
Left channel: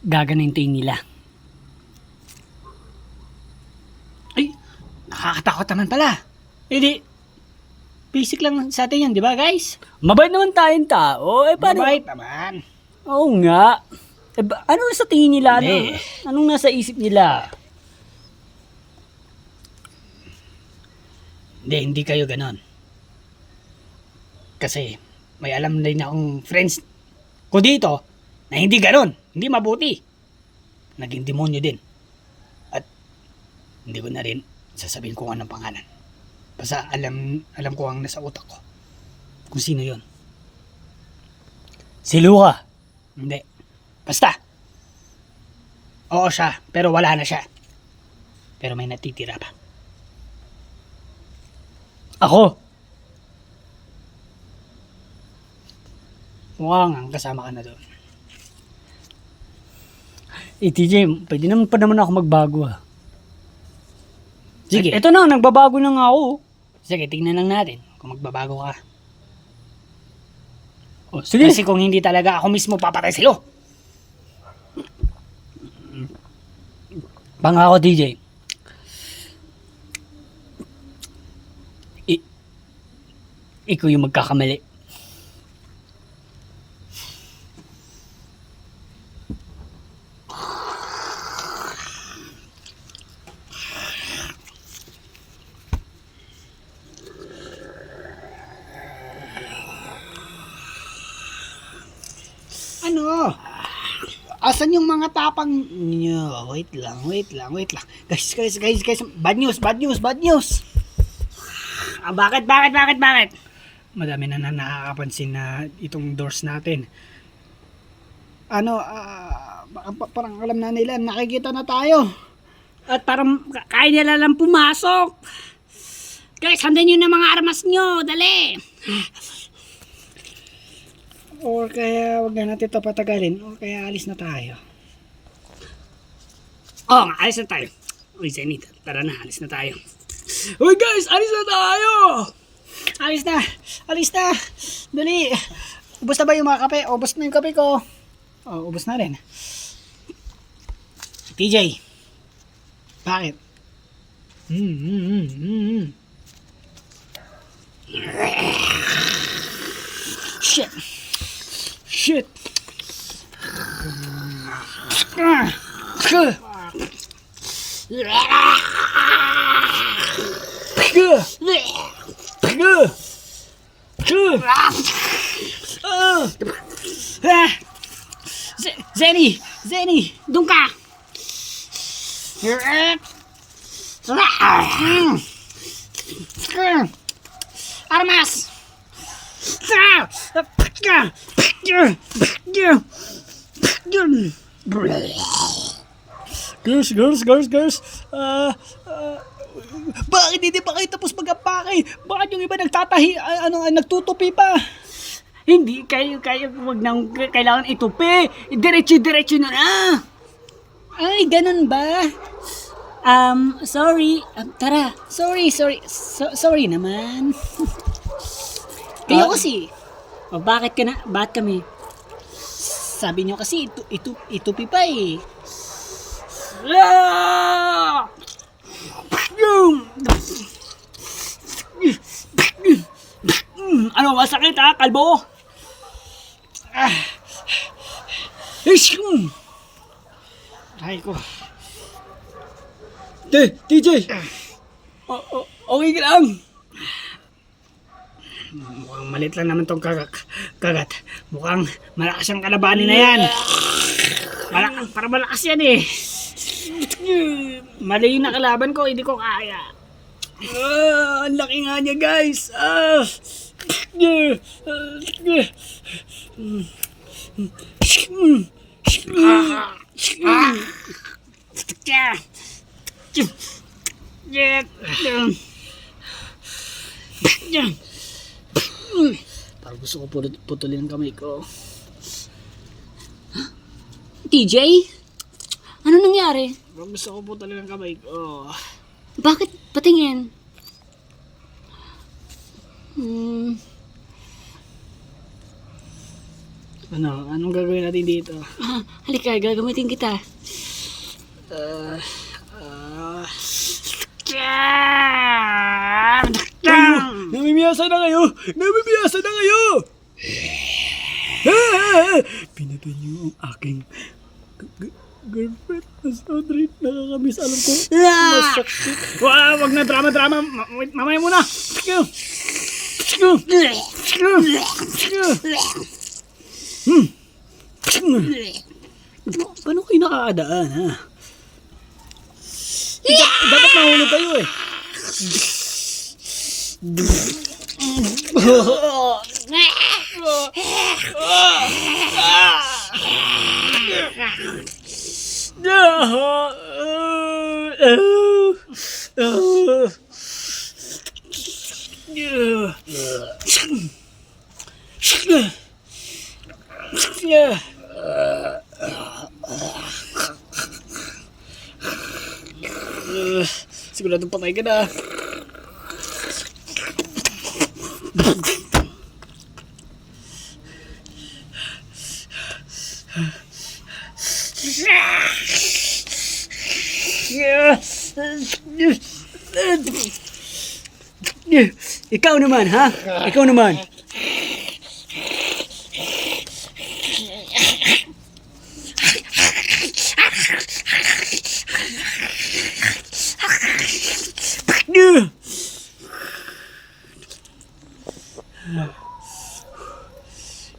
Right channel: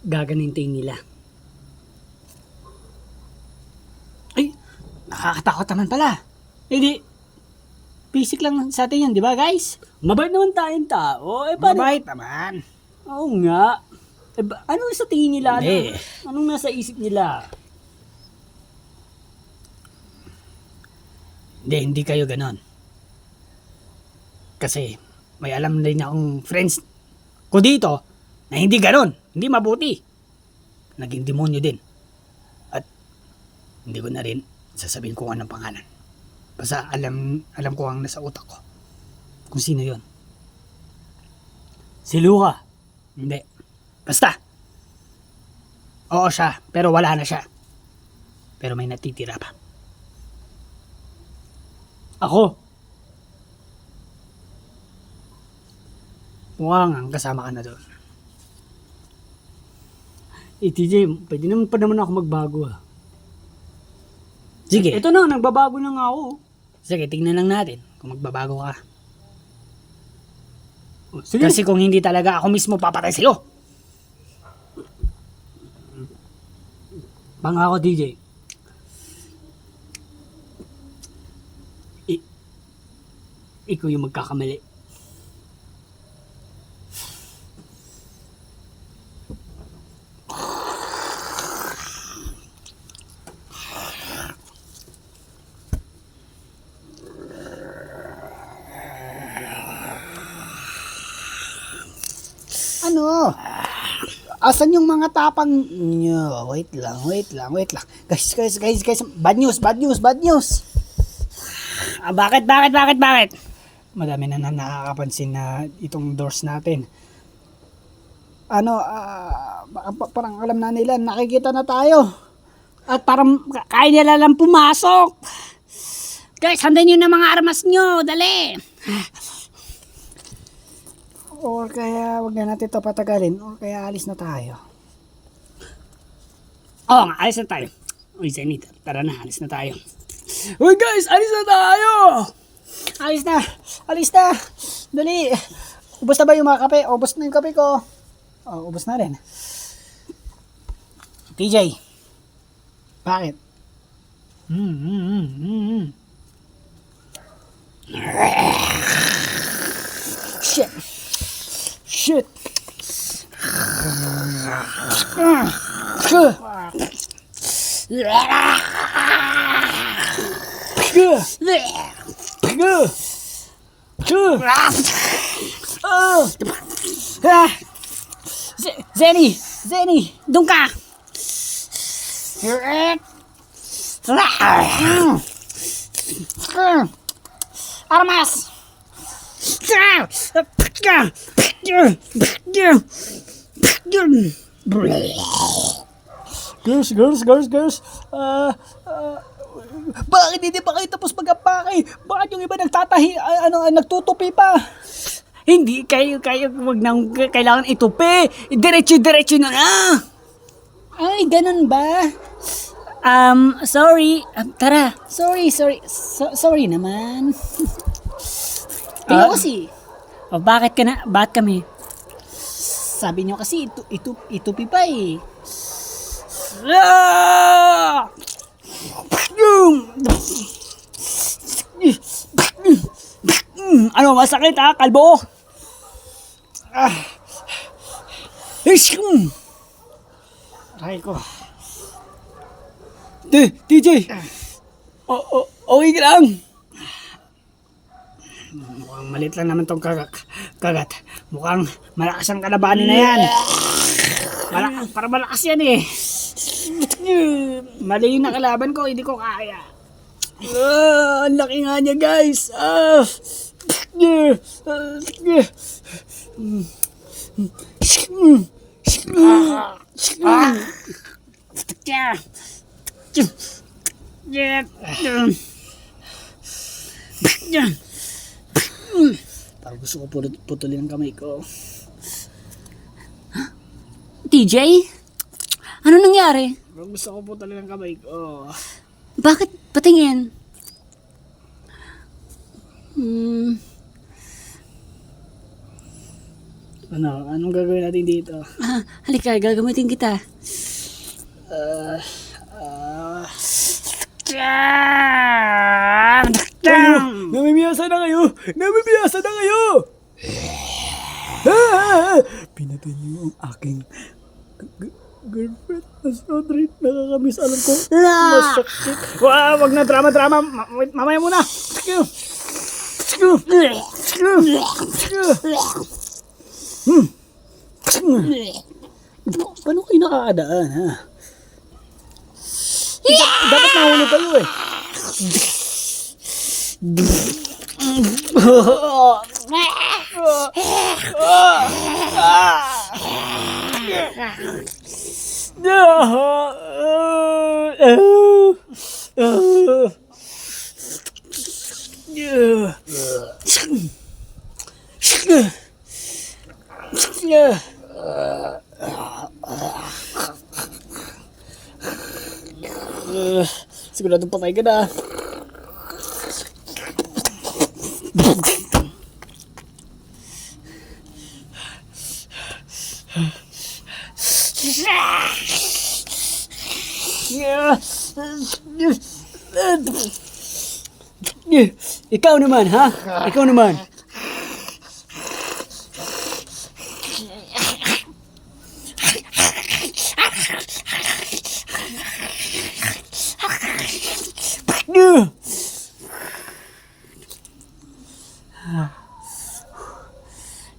gaganintin nila. Ay, nakakatakot naman pala. Hindi, basic lang sa atin yan, di ba guys? Mabait naman tayong tao. Mabait naman. Oo nga. Ano sa tingin nila? Anong nasa isip nila? Hindi kayo ganon. Kasi may alam din akong friends ko dito na hindi ganon. Hindi mabuti. Naging demonyo din. At hindi ko na rin sasabihin kung anong pangalan. Basta alam ko ang nasa utak ko. Kung sino yon. Si Luca. Hindi. Basta. Oo siya, pero wala na siya. Pero may natitira pa. Ako. Mukhang kasama ka na doon. TJ, pwede naman pa naman ako magbago ha. Sige. Ito na, nagbabago na nga ako. Sige, tingnan lang natin kung magbabago ka. Sige. Kasi kung hindi talaga ako mismo papatay sa'yo. Pangako, DJ. Ikaw yung magkakamali. Ano? Asan yung mga tapang nyo? Wait lang. Guys. Bad news. Bakit? Madami na nakakapansin na itong doors natin. Parang alam na nila, nakikita na tayo. At parang kaya nila lang pumasok. Guys, handan nyo na mga armas nyo. Dali. Or kaya wag na natin ito patagalin. Or kaya alis na tayo. Oo nga, alis na tayo. Uy, Zenith, tara na, alis na tayo. Uy guys, alis na tayo! Alis na! Alis na! Dali! Ubus na ba yung mga kape? Ubus na yung kape ko. Oh, ubus na rin. TJ. Bakit? Shit! Shit! Zenny! Zenny! Doon ka! Armas! Girls. Bakit hindi pa kayo tapos mag-apake? Bakit yung iba nagtutupi pa? Hindi, kayo, wag nang kailangan itupi. Diretso na. Ay, ganun ba? Sorry. Tara. Sorry naman. Kayo kasi. Bakit kami? Sabi nyo kasi, itupi pa eh. Ano, masakit ha, kalbo? Aray ko. TJ! Okay ka lang? Mukhang malit lang naman tong kagat. Mukhang malakas ang kalabanin na yan. Para malakas yan eh. Mali yung nakalaban ko, hindi ko kaya. Ang laki nga niya guys. Parang gusto ko putulin ang kamay ko. TJ? Ano nangyari? Parang gusto ko putulin ang kamay ko. Bakit patingin? Anong gagawin natin dito? Halika, gagamitin kita. Namimiyasa na kayo! Pinatay niyo ang aking girlfriend na si Audrey. Nakakamiss, alam ko. Masakit. Wag na drama. Mamaya muna. Paano kayo nakakadaan, ha? Dapat mahulog kayo eh. Siguradong patay ka na. Ikaw naman, ha? Ikaw naman.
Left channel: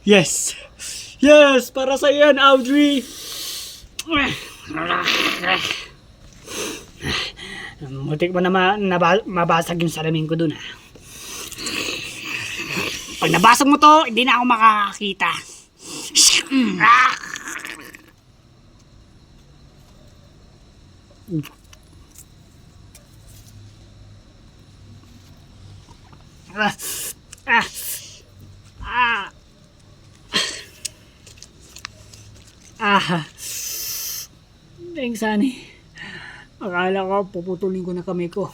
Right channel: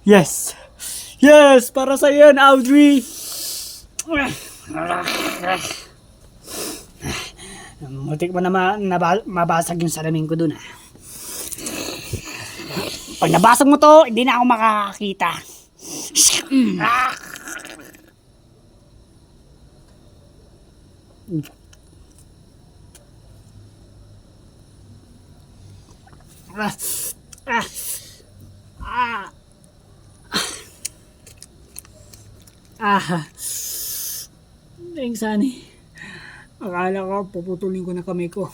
Yes! Yes! Para sa yan, Audrey! Mutik mo na mabasag yung salamin ko dun, ha? Pag nabasag mo to, hindi na ako makakakita. Thanks, honey. Akala ko puputulin ko na kamay ko.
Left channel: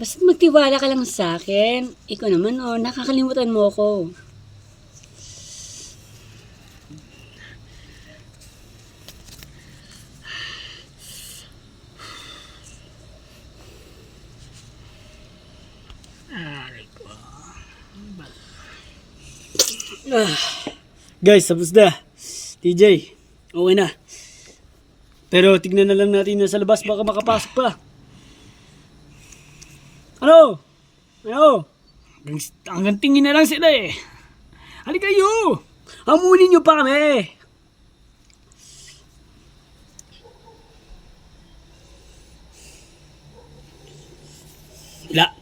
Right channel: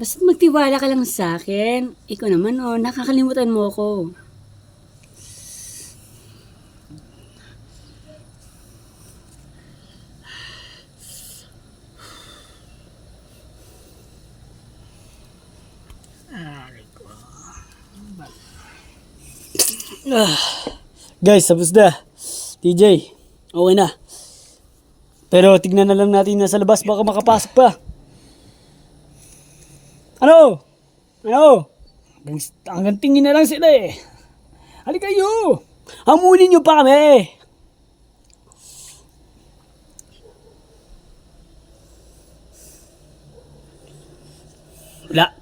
Basta magtiwala ka lang sa akin. Ikaw naman, nakakalimutan mo ako. Guys, tapos na. TJ, okay na. Pero tignan na lang natin na sa labas, baka makapasok pa. Ano? Ano? Hanggang tingin na lang sila eh. Halika kayo! Hamunin nyo pa kami! Wala.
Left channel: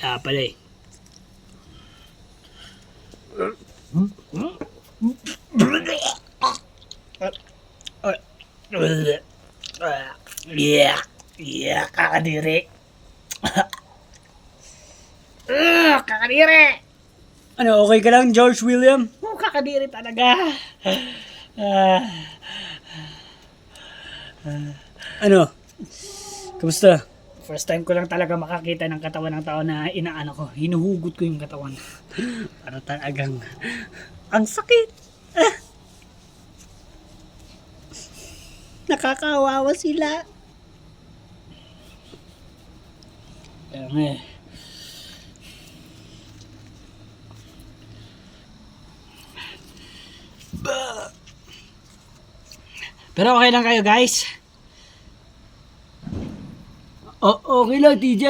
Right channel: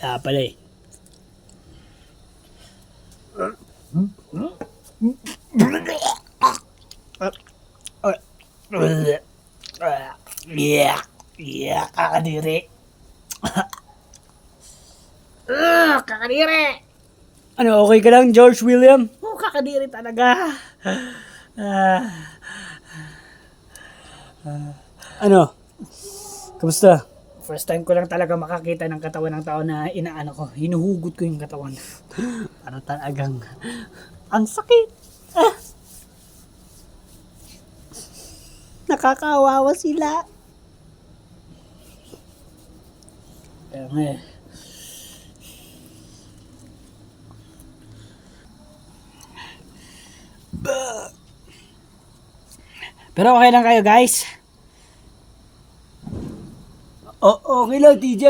Wala pala eh. Yeah, kakadiri. Kakadiri! Ano, okay ka lang, George William? Kakadiri talaga. Ano? Kamusta? First time ko lang talaga makakita ng katawan ng tao na inaano ko. Hinuhugot ko yung katawan. Ano talagang... Ang sakit! Nakakawawa sila. Kaya nga eh. Pero okay lang kayo, guys. Okay lang, TJ.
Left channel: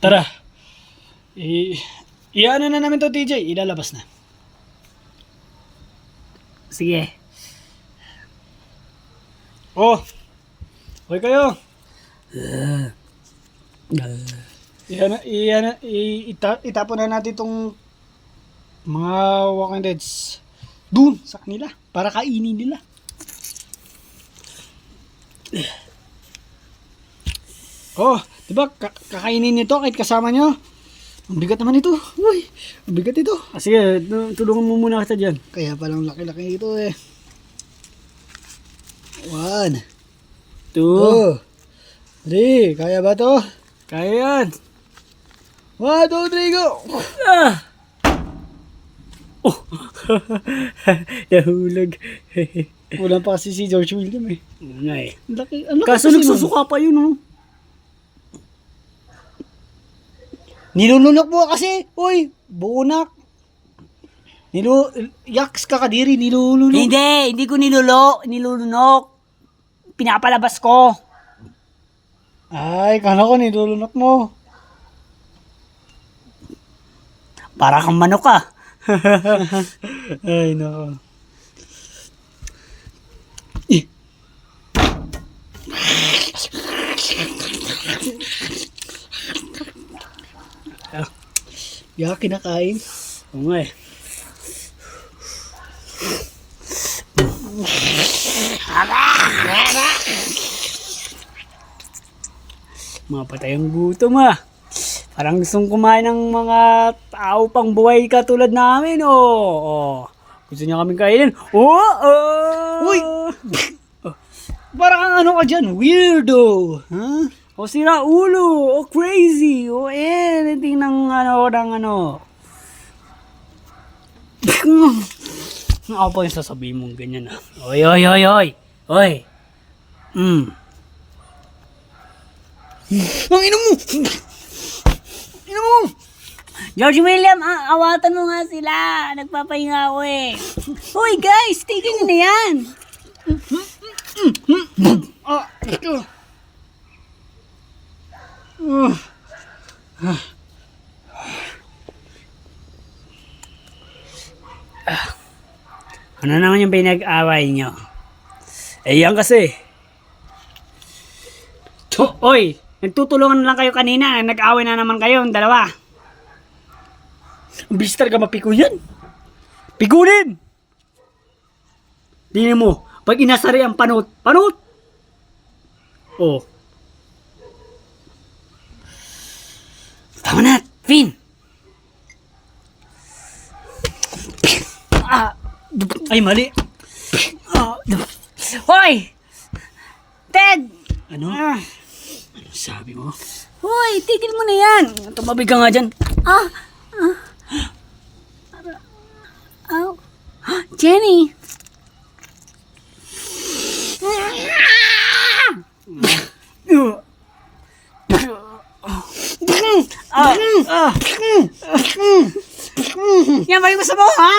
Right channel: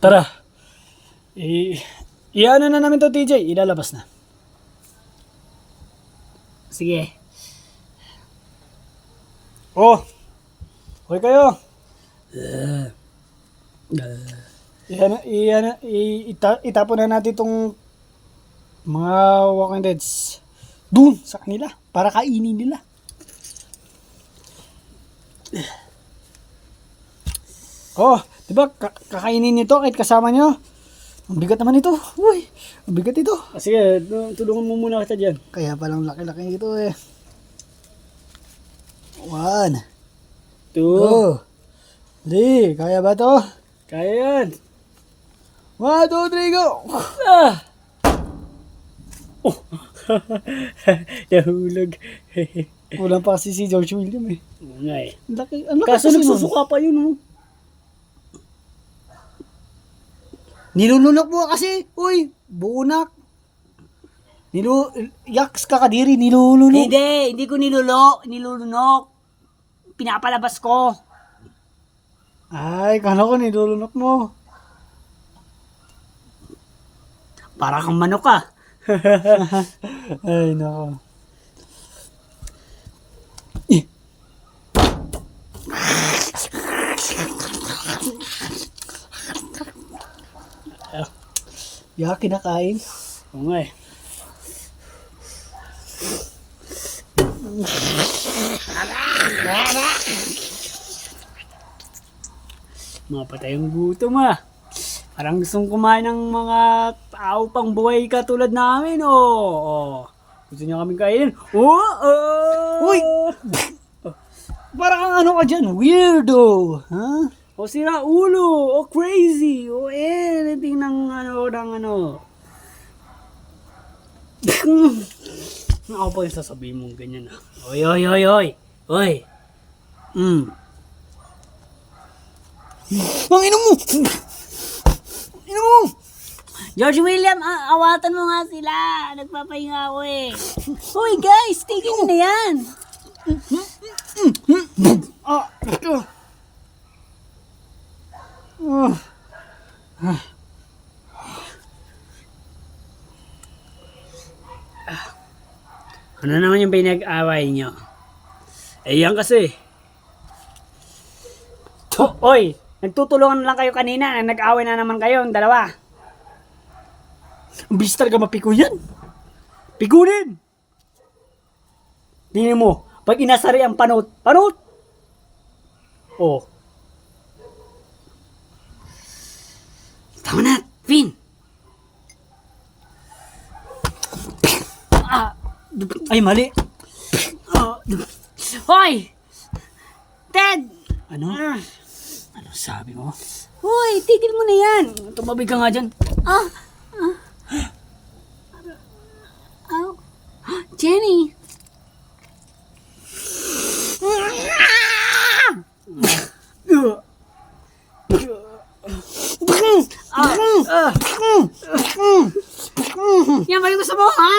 Tara. Iano na namin to, TJ. Ilalabas na. Sige. Oh. Okay kayo. Itapon na natin itong mga Walking Deads dun sa kanila para kainin nila. Oh, diba kakainin nito kahit kasama nyo? Ang bigat naman ito. Uy, ang bigat ito. Sige, tulungan mo muna kita dyan. Kaya palang laki-laki ito eh. 1, 2, 3. Kaya ba to? kaya yan. 1, 2, 3, go! Nahulog. Wala pa kasi si George William eh. Nga eh. Ang laki Kaso kasi nagsusuka pa yun, oh. Nilulunok mo kasi. Uy, buunak. Yaks kakadiri, nilulunok. Hindi ko nilulunok. Pinapalabas ko. Ay, kala ko nilulunok mo. Para kang manok ka. Ay, nako. Ya, kinakain. Oo nga eh. Mga patayang gutom ah. Parang gustong kumain ng mga tao pang buhay katulad namin, oh. Gusto niya kaming kainin? Uy! Parang ano ka dyan, weirdo. Ha? O sira ulo, o crazy, o anything ng ano. Ako po yung sasabihin mong ganyan ah. Oy. Ang ino mo! Ino mo! George William, awatan mo nga sila. Nagpapahinga ako eh. Hoy guys, tigil nyo na yan. Ito. Ano naman yung pinag-away nyo? Eh yan kasi. Oy, nagtutulungan lang kayo kanina. Nag-away na naman kayo, yung dalawa. Ang bilis talaga mapiko yan. Pigunin! Tingnan mo, pag inasari ang panot. Oh. Tama na, Finn. Ay, mali. Hoy! Ted! Ano? Ano sabi mo? Hoy, tigil mo na yan. Tumabi ka nga dyan. Oh. Jenny! Yan ba yung gusto mo, ha?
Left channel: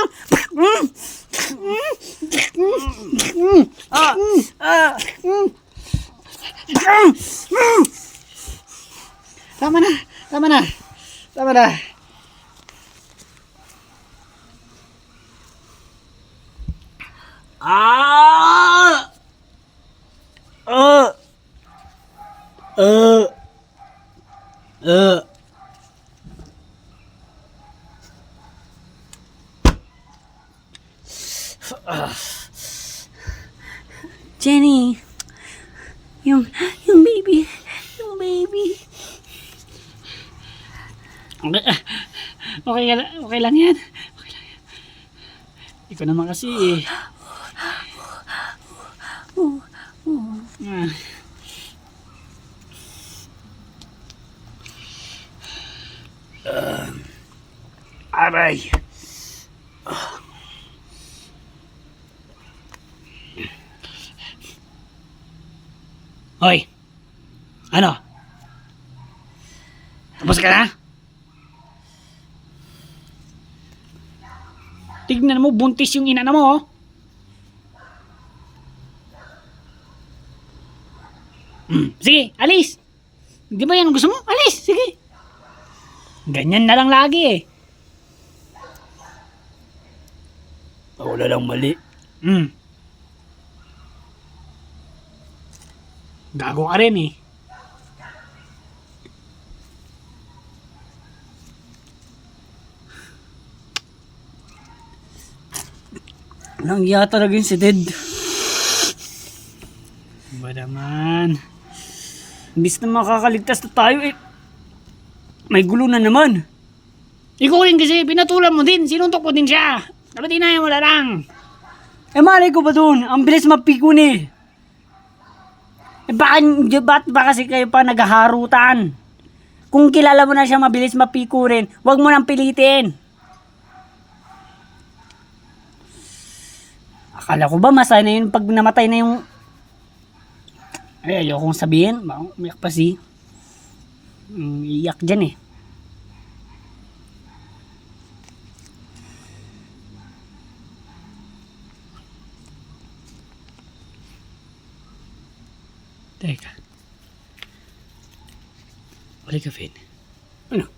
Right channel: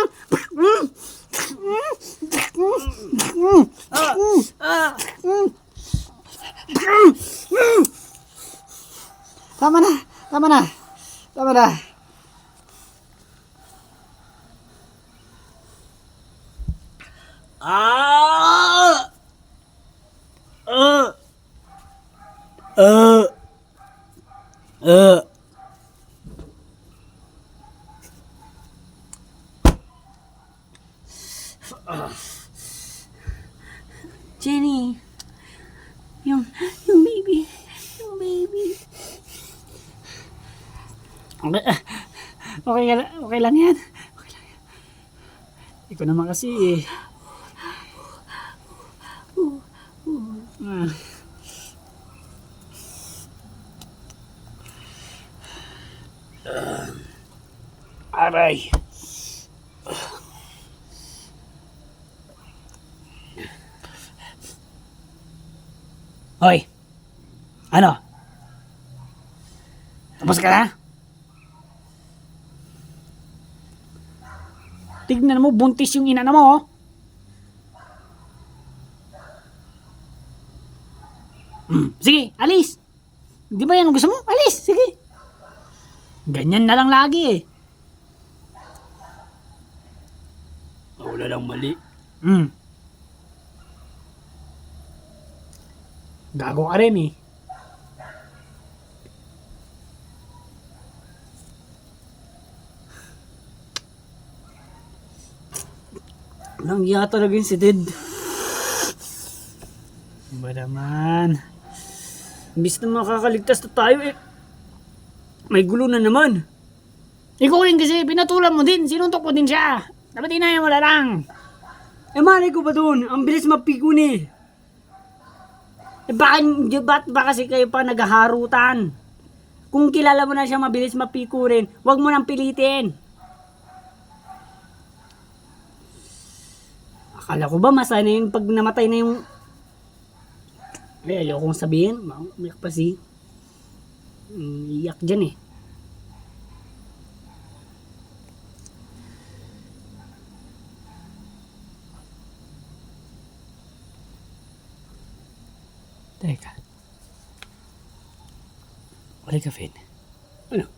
Tama na, tama na. Tama na. Ah! Uh. Uh. Uh. Jenny, yung baby, yung baby. Okay, okay lang yan. Okay lang yan. Ikaw naman kasi eh. Aray. Hoy. Ano? Tapos ka na? Tignan mo, buntis yung ina na mo, oh. Sige, alis. Di ba yan ang gusto mo? Alis, sige. Ganyan na lang lagi eh. Wala lang mali. Gago ka rin eh. Nangya talaga yun si Ted. Ba naman? Imbis na makakaligtas na tayo eh. May gulo na naman. Ikaw rin kasi, pinatulan mo din. Sinuntok mo din siya. Dapat inaya mo na lang. Eh malay ko ba dun? Ang bilis mapikon eh. Eh ba't ba kasi kayo pa naghaharutan? Kung kilala mo na siya mabilis mapiko rin, wag mo nang pilitin. Akala ko ba masaya na yun pag namatay na yung... Ay, ayokong sabihin. Umiyak pa si... iyak dyan eh. Teka. Wala ka, Finn. Ano?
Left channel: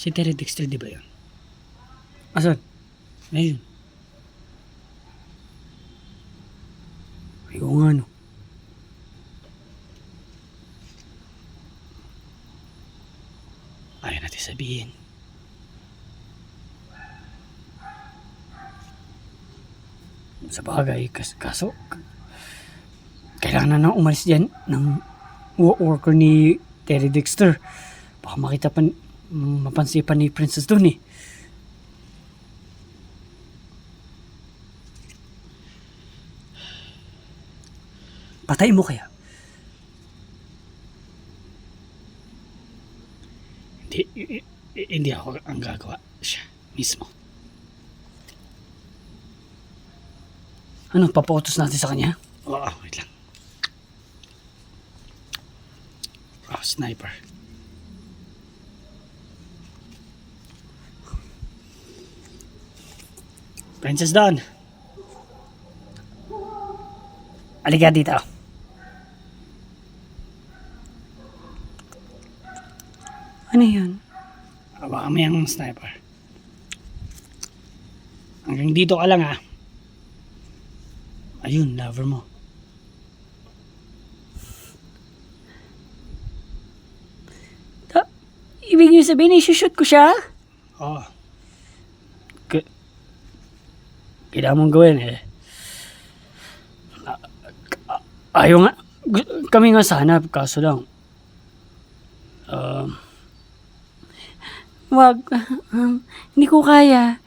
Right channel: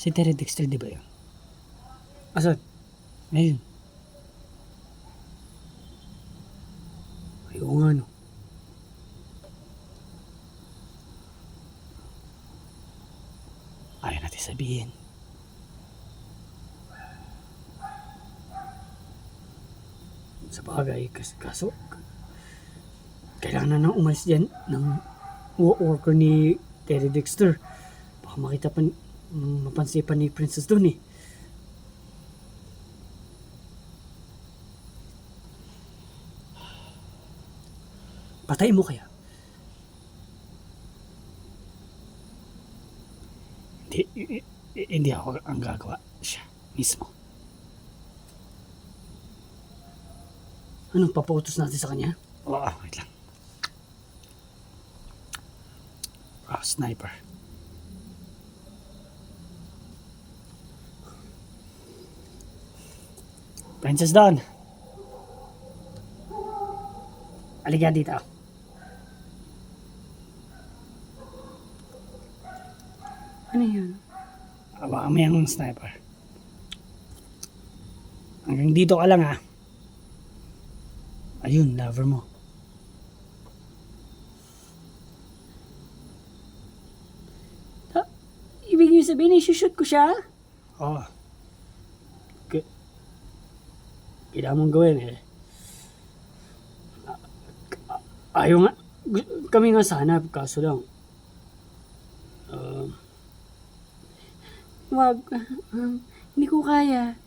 Si Terry Dexter, di ba yun? Asan? Ayun. Ayaw nga, no. Ayaw natin sabihin. Sa bagay, kaso kailangan na umalis dyan ng worker ni Terry Dexter. Baka makita pa, mapansin pa ni Princess doon eh. Patayin mo kaya? Hindi ako ang gagawa. Siya mismo. Ano, papautos natin sa kanya? Oo, wait lang. Sniper. Princess Dawn. Halika dito. Ano yun? Hawakan mo yung sniper. Hanggang dito ka lang, ha. Ayun, lover mo. Ibig niyo sabihin, isushoot ko siya? Oo. Kailangan mong gawin eh. Ayaw nga. Kami nga sana, kaso lang. Wag. Hindi ko kaya.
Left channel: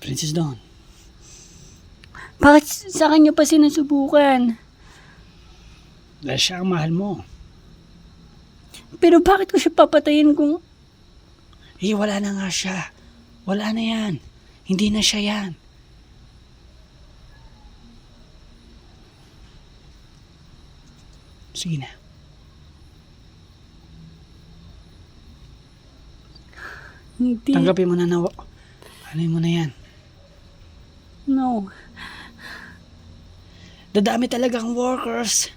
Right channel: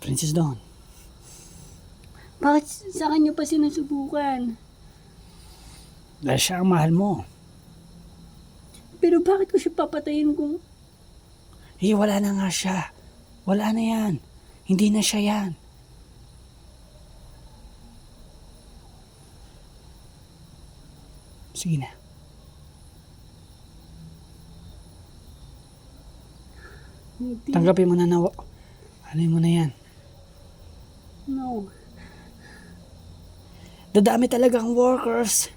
Princess Dawn. Bakit sa kanya pa sinusubukan? Dahil siya ang mahal mo. Pero bakit ko siya papatayin kung... Eh, wala na nga siya. Wala na yan. Hindi na siya yan. Sige na. Hindi. Tanggapin mo na na. Ano mo na yan? No. Dadami talaga ang workers.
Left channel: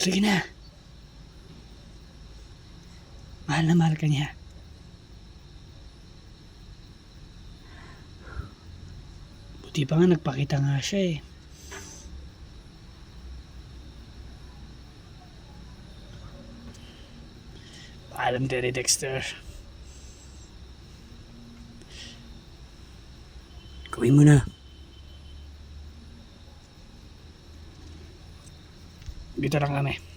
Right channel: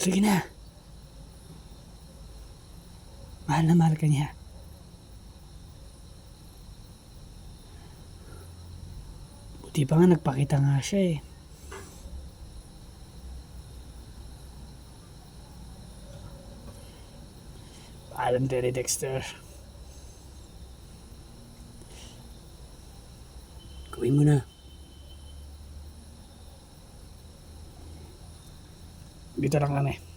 Sige na. Mahal na mahal ka niya. Buti pa nga nagpakita nga siya eh. Paalam, Terry Dexter. Gawin mo na. Dito lang kami.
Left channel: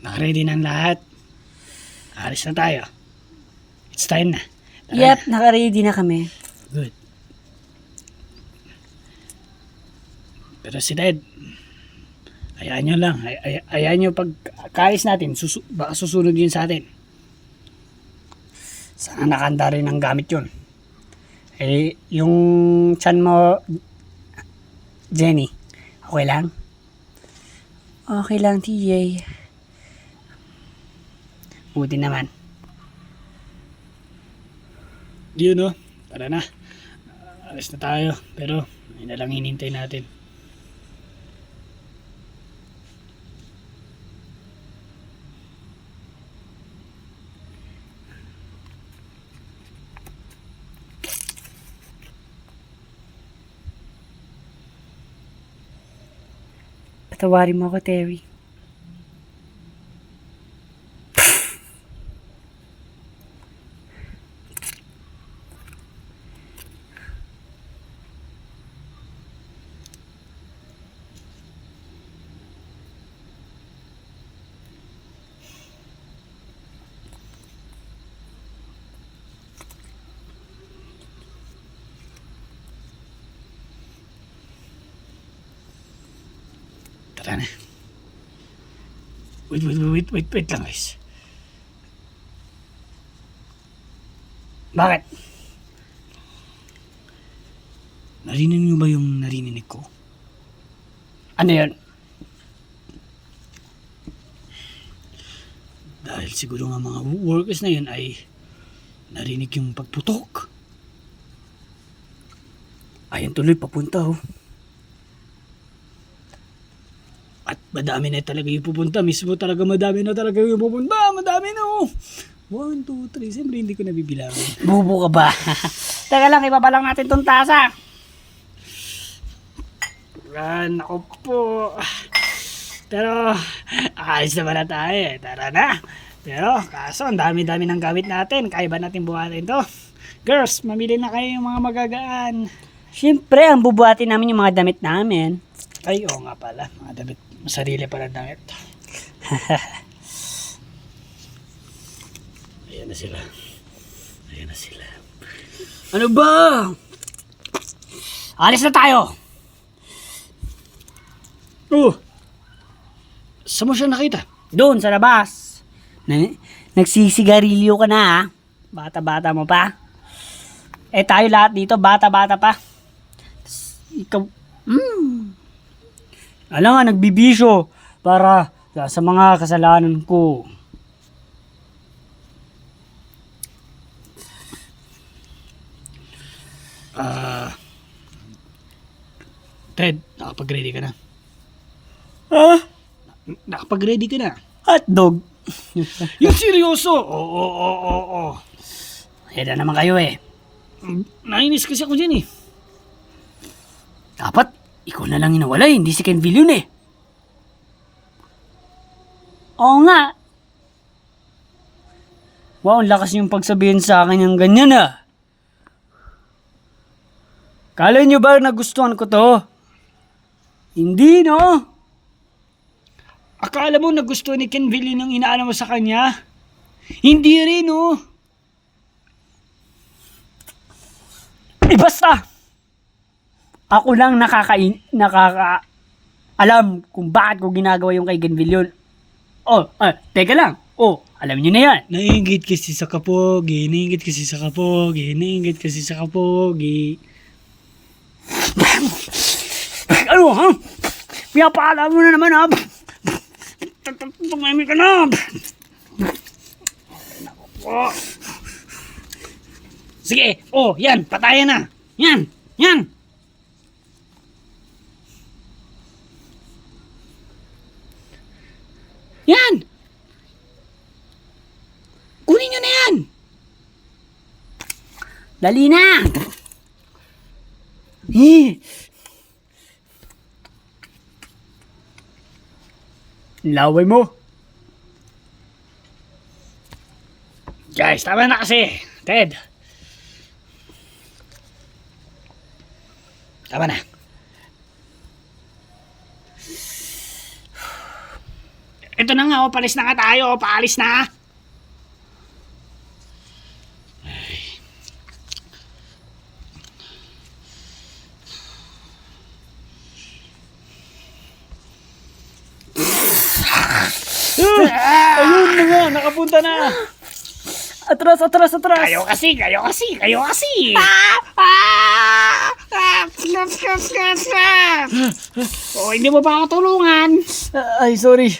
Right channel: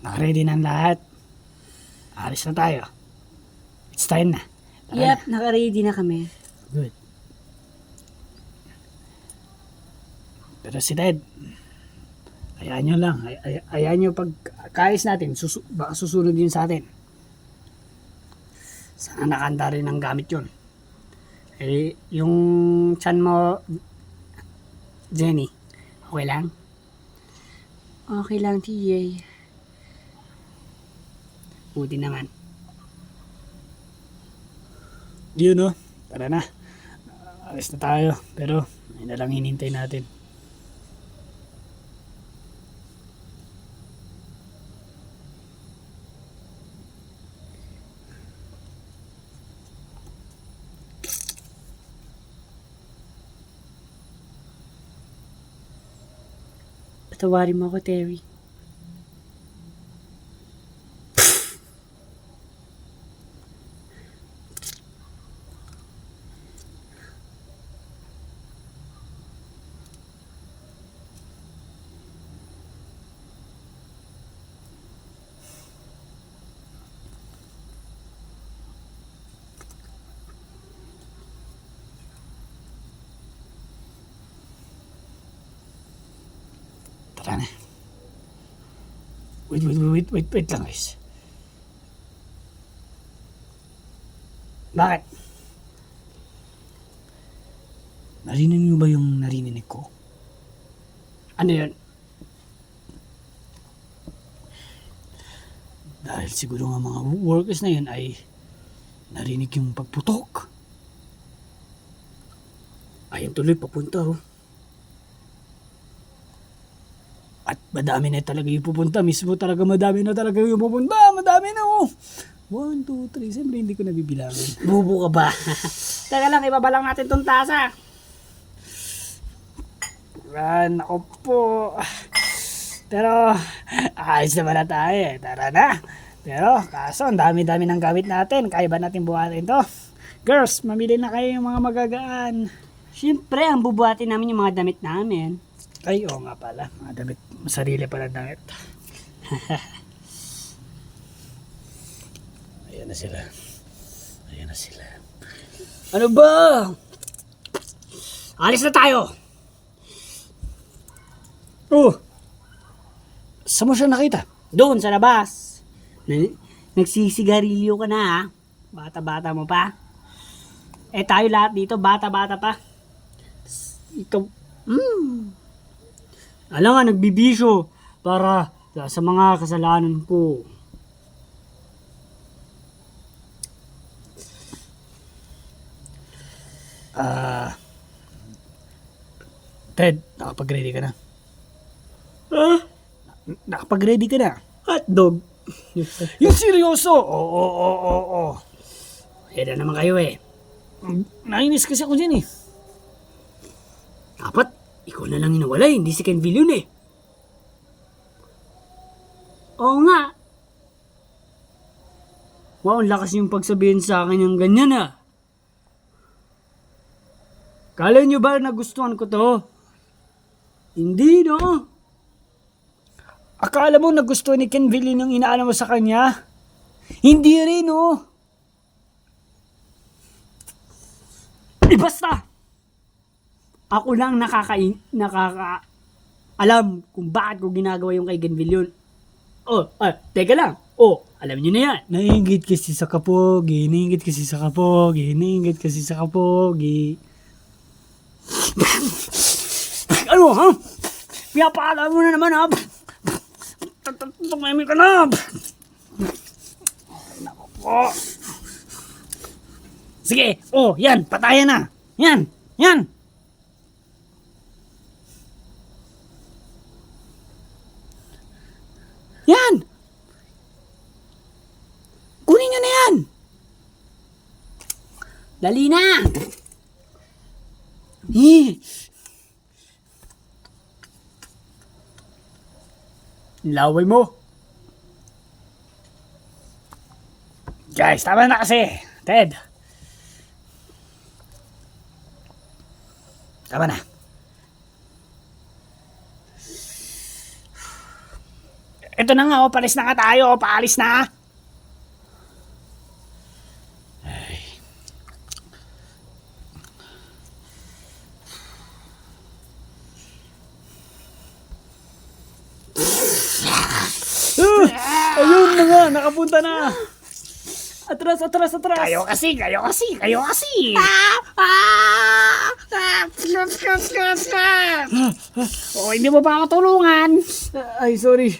Nakaready na ang lahat. Alis na tayo. It's time na. Tara Yep, naka-ready na kami. na. Good. Pero si Ted, ayaan nyo lang. Ayaan nyo pagkais natin. Baka susunod yun sa atin. Sana nakanda rin ang gamit yun. Eh, yung chan mo, Jenny, okay lang? Okay lang, TJ. Buti naman. Yun no, tara na. Alis na tayo. Pero, ayun na lang hinintay natin. Patawarin mo ako, Terry. Tara na. Wait lang guys. Bakit? Narinig niyo ba yung narinig ko? Ano yun? Dahil siguro nga mga workers na yun ay narinig yung pagputok. Ayun tuloy papunta oh. At madami na talaga yung pupunta. Mismo talaga madami na talaga yung pupunta. Madami na oh. 1, 2, 3. Siyempre hindi ko nabibilangin. Bubo ka ba? Teka lang, ibaba lang natin tong tasa. Ako po. Pero, ayos naman na tayo eh. Tara na. Pero, kaso, ang dami-dami ng gamit natin. Kaya ba natin buhatin to? Girls, mamili na kayo yung mga magagaan. Siyempre, ang bubuhatin namin yung mga damit namin. Ay, oo nga pala. Mga damit. Sarili pala damit. Ayan na sila. Ayan na sila. Ano ba? Alis na tayo! Oh! Saan mo siya nakita? Doon, sa labas. Nagsisigarilyo ka na, ha? Bata-bata mo pa. Eh, tayo lahat dito, bata-bata pa. Ikaw, alam nga, nagbibisyo para sa mga kasalanan ko. Ted, nakapag-ready ka na? Ah? Nakapag-ready ka na? Hotdog. Yung seryoso. Oo. Heda naman kayo eh. Nainis kasi ako dyan eh. Dapat, ikaw na lang inawala hindi si Kenville yun eh. Oo nga. Wow, ang lakas yung pagsabihin sa akin yung ganyan ah. Kala nyo ba nagustuhan ko to? Hindi no? Akala mo nagustuhan ni Kenville yung inaano mo sa kanya? Hindi rin oh. Basta! Ako lang alam kung bakit ko ginagawa yung kay Kenville yun. Teka lang. Alam nyo na yan. Nainggit kasi sa kapogi. Ano ha? Pinapaalam mo na naman ha? Tumahimik ka na! Sige, yan, patayan na. Yan. Yan! Kunin nyo na yan! Dali na! Laway mo. Guys, tama na kasi. Ted. Tama na. Ito na nga, paalis na nga tayo. Paalis na. Ayun na nga, nakapunta na. Atras! Kayo kasi. Hindi mo ba ako tulungan? Ay, sorry.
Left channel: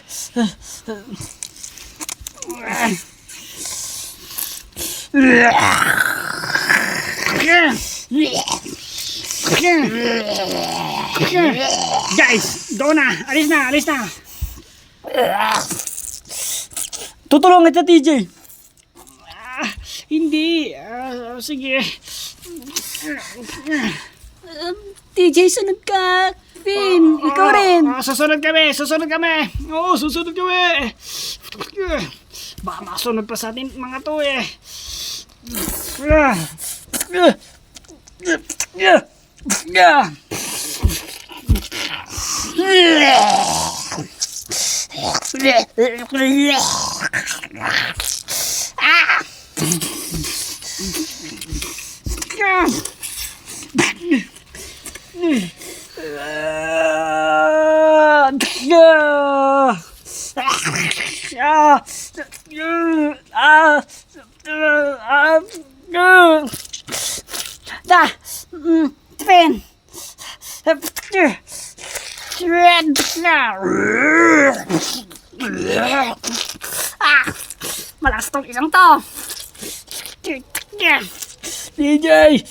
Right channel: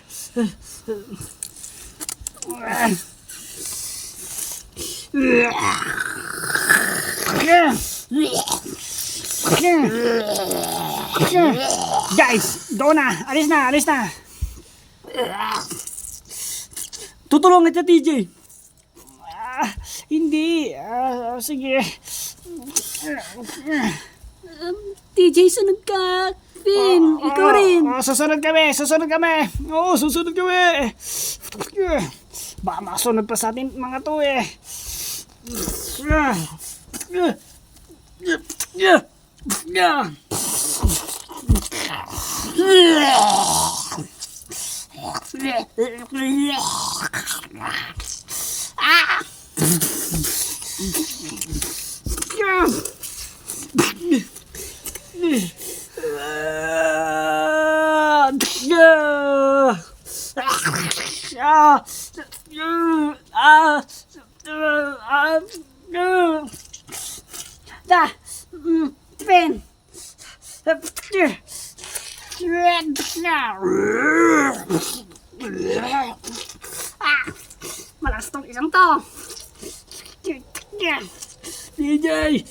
Guys, doon na. Alis na. Tutulungan kita, TJ. Hindi. Sige. TJ, sunod ka. Vin, ikaw rin. Susunod kami. Oo, susunod kami. Baka makasunod pa sa atin mga to eh. Vin. Malakas tong isang to. DJ!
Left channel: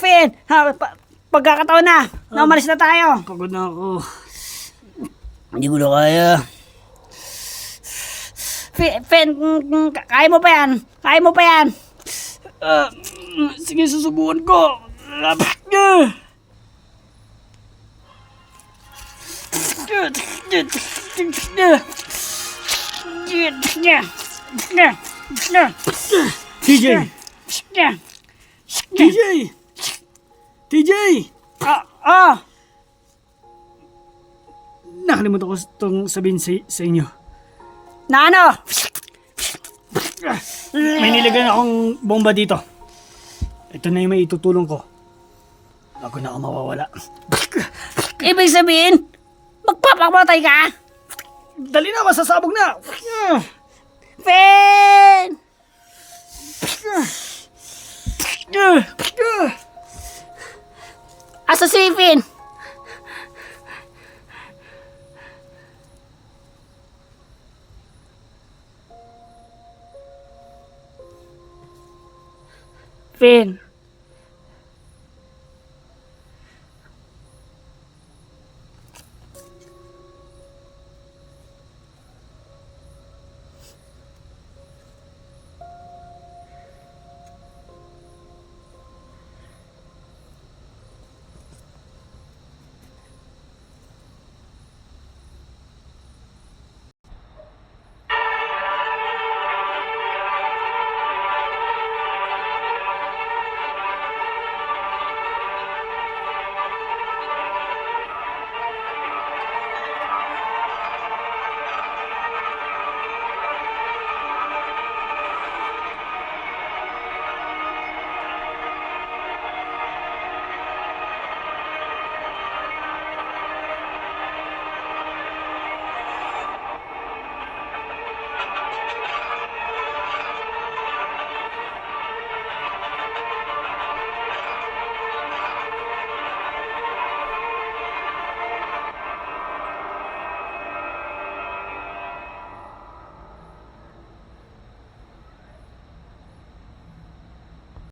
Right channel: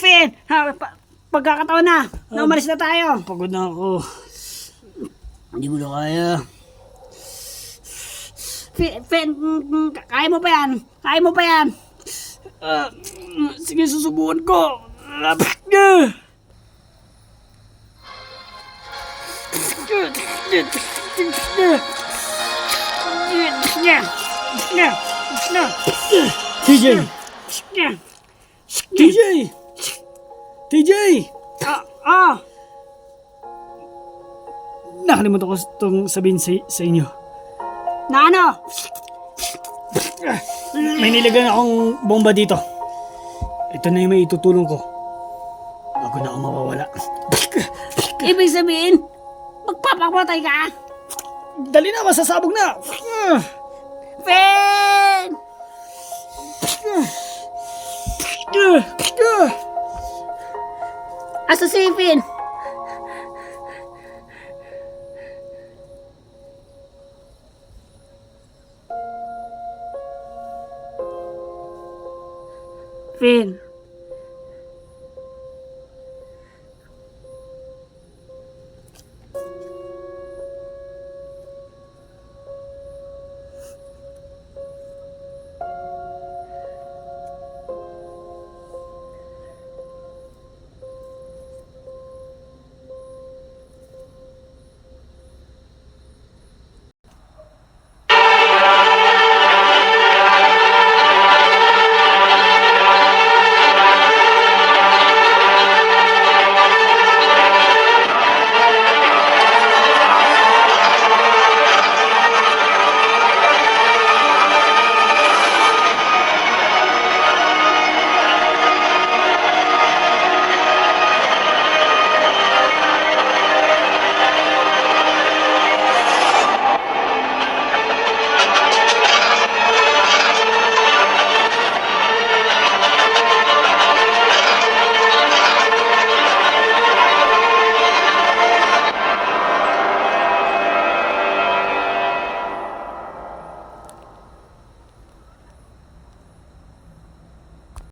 Vin, pagkakataon na. Namalis na tayo. Pagod na ako. Hindi ko na kaya. Fen, kaya mo pa yan. Sige, susubukan ko. TJ! Nakalimutan ko itong sabihin sa inyo. Na ano? May nilagyan akong bomba dito. Ito na yung may itutulong ko. Bago na ako mawawala. Ibig sabihin, magpapakamatay ka? Dali na, masasabog na! Fen! Asa si Fen? Fen.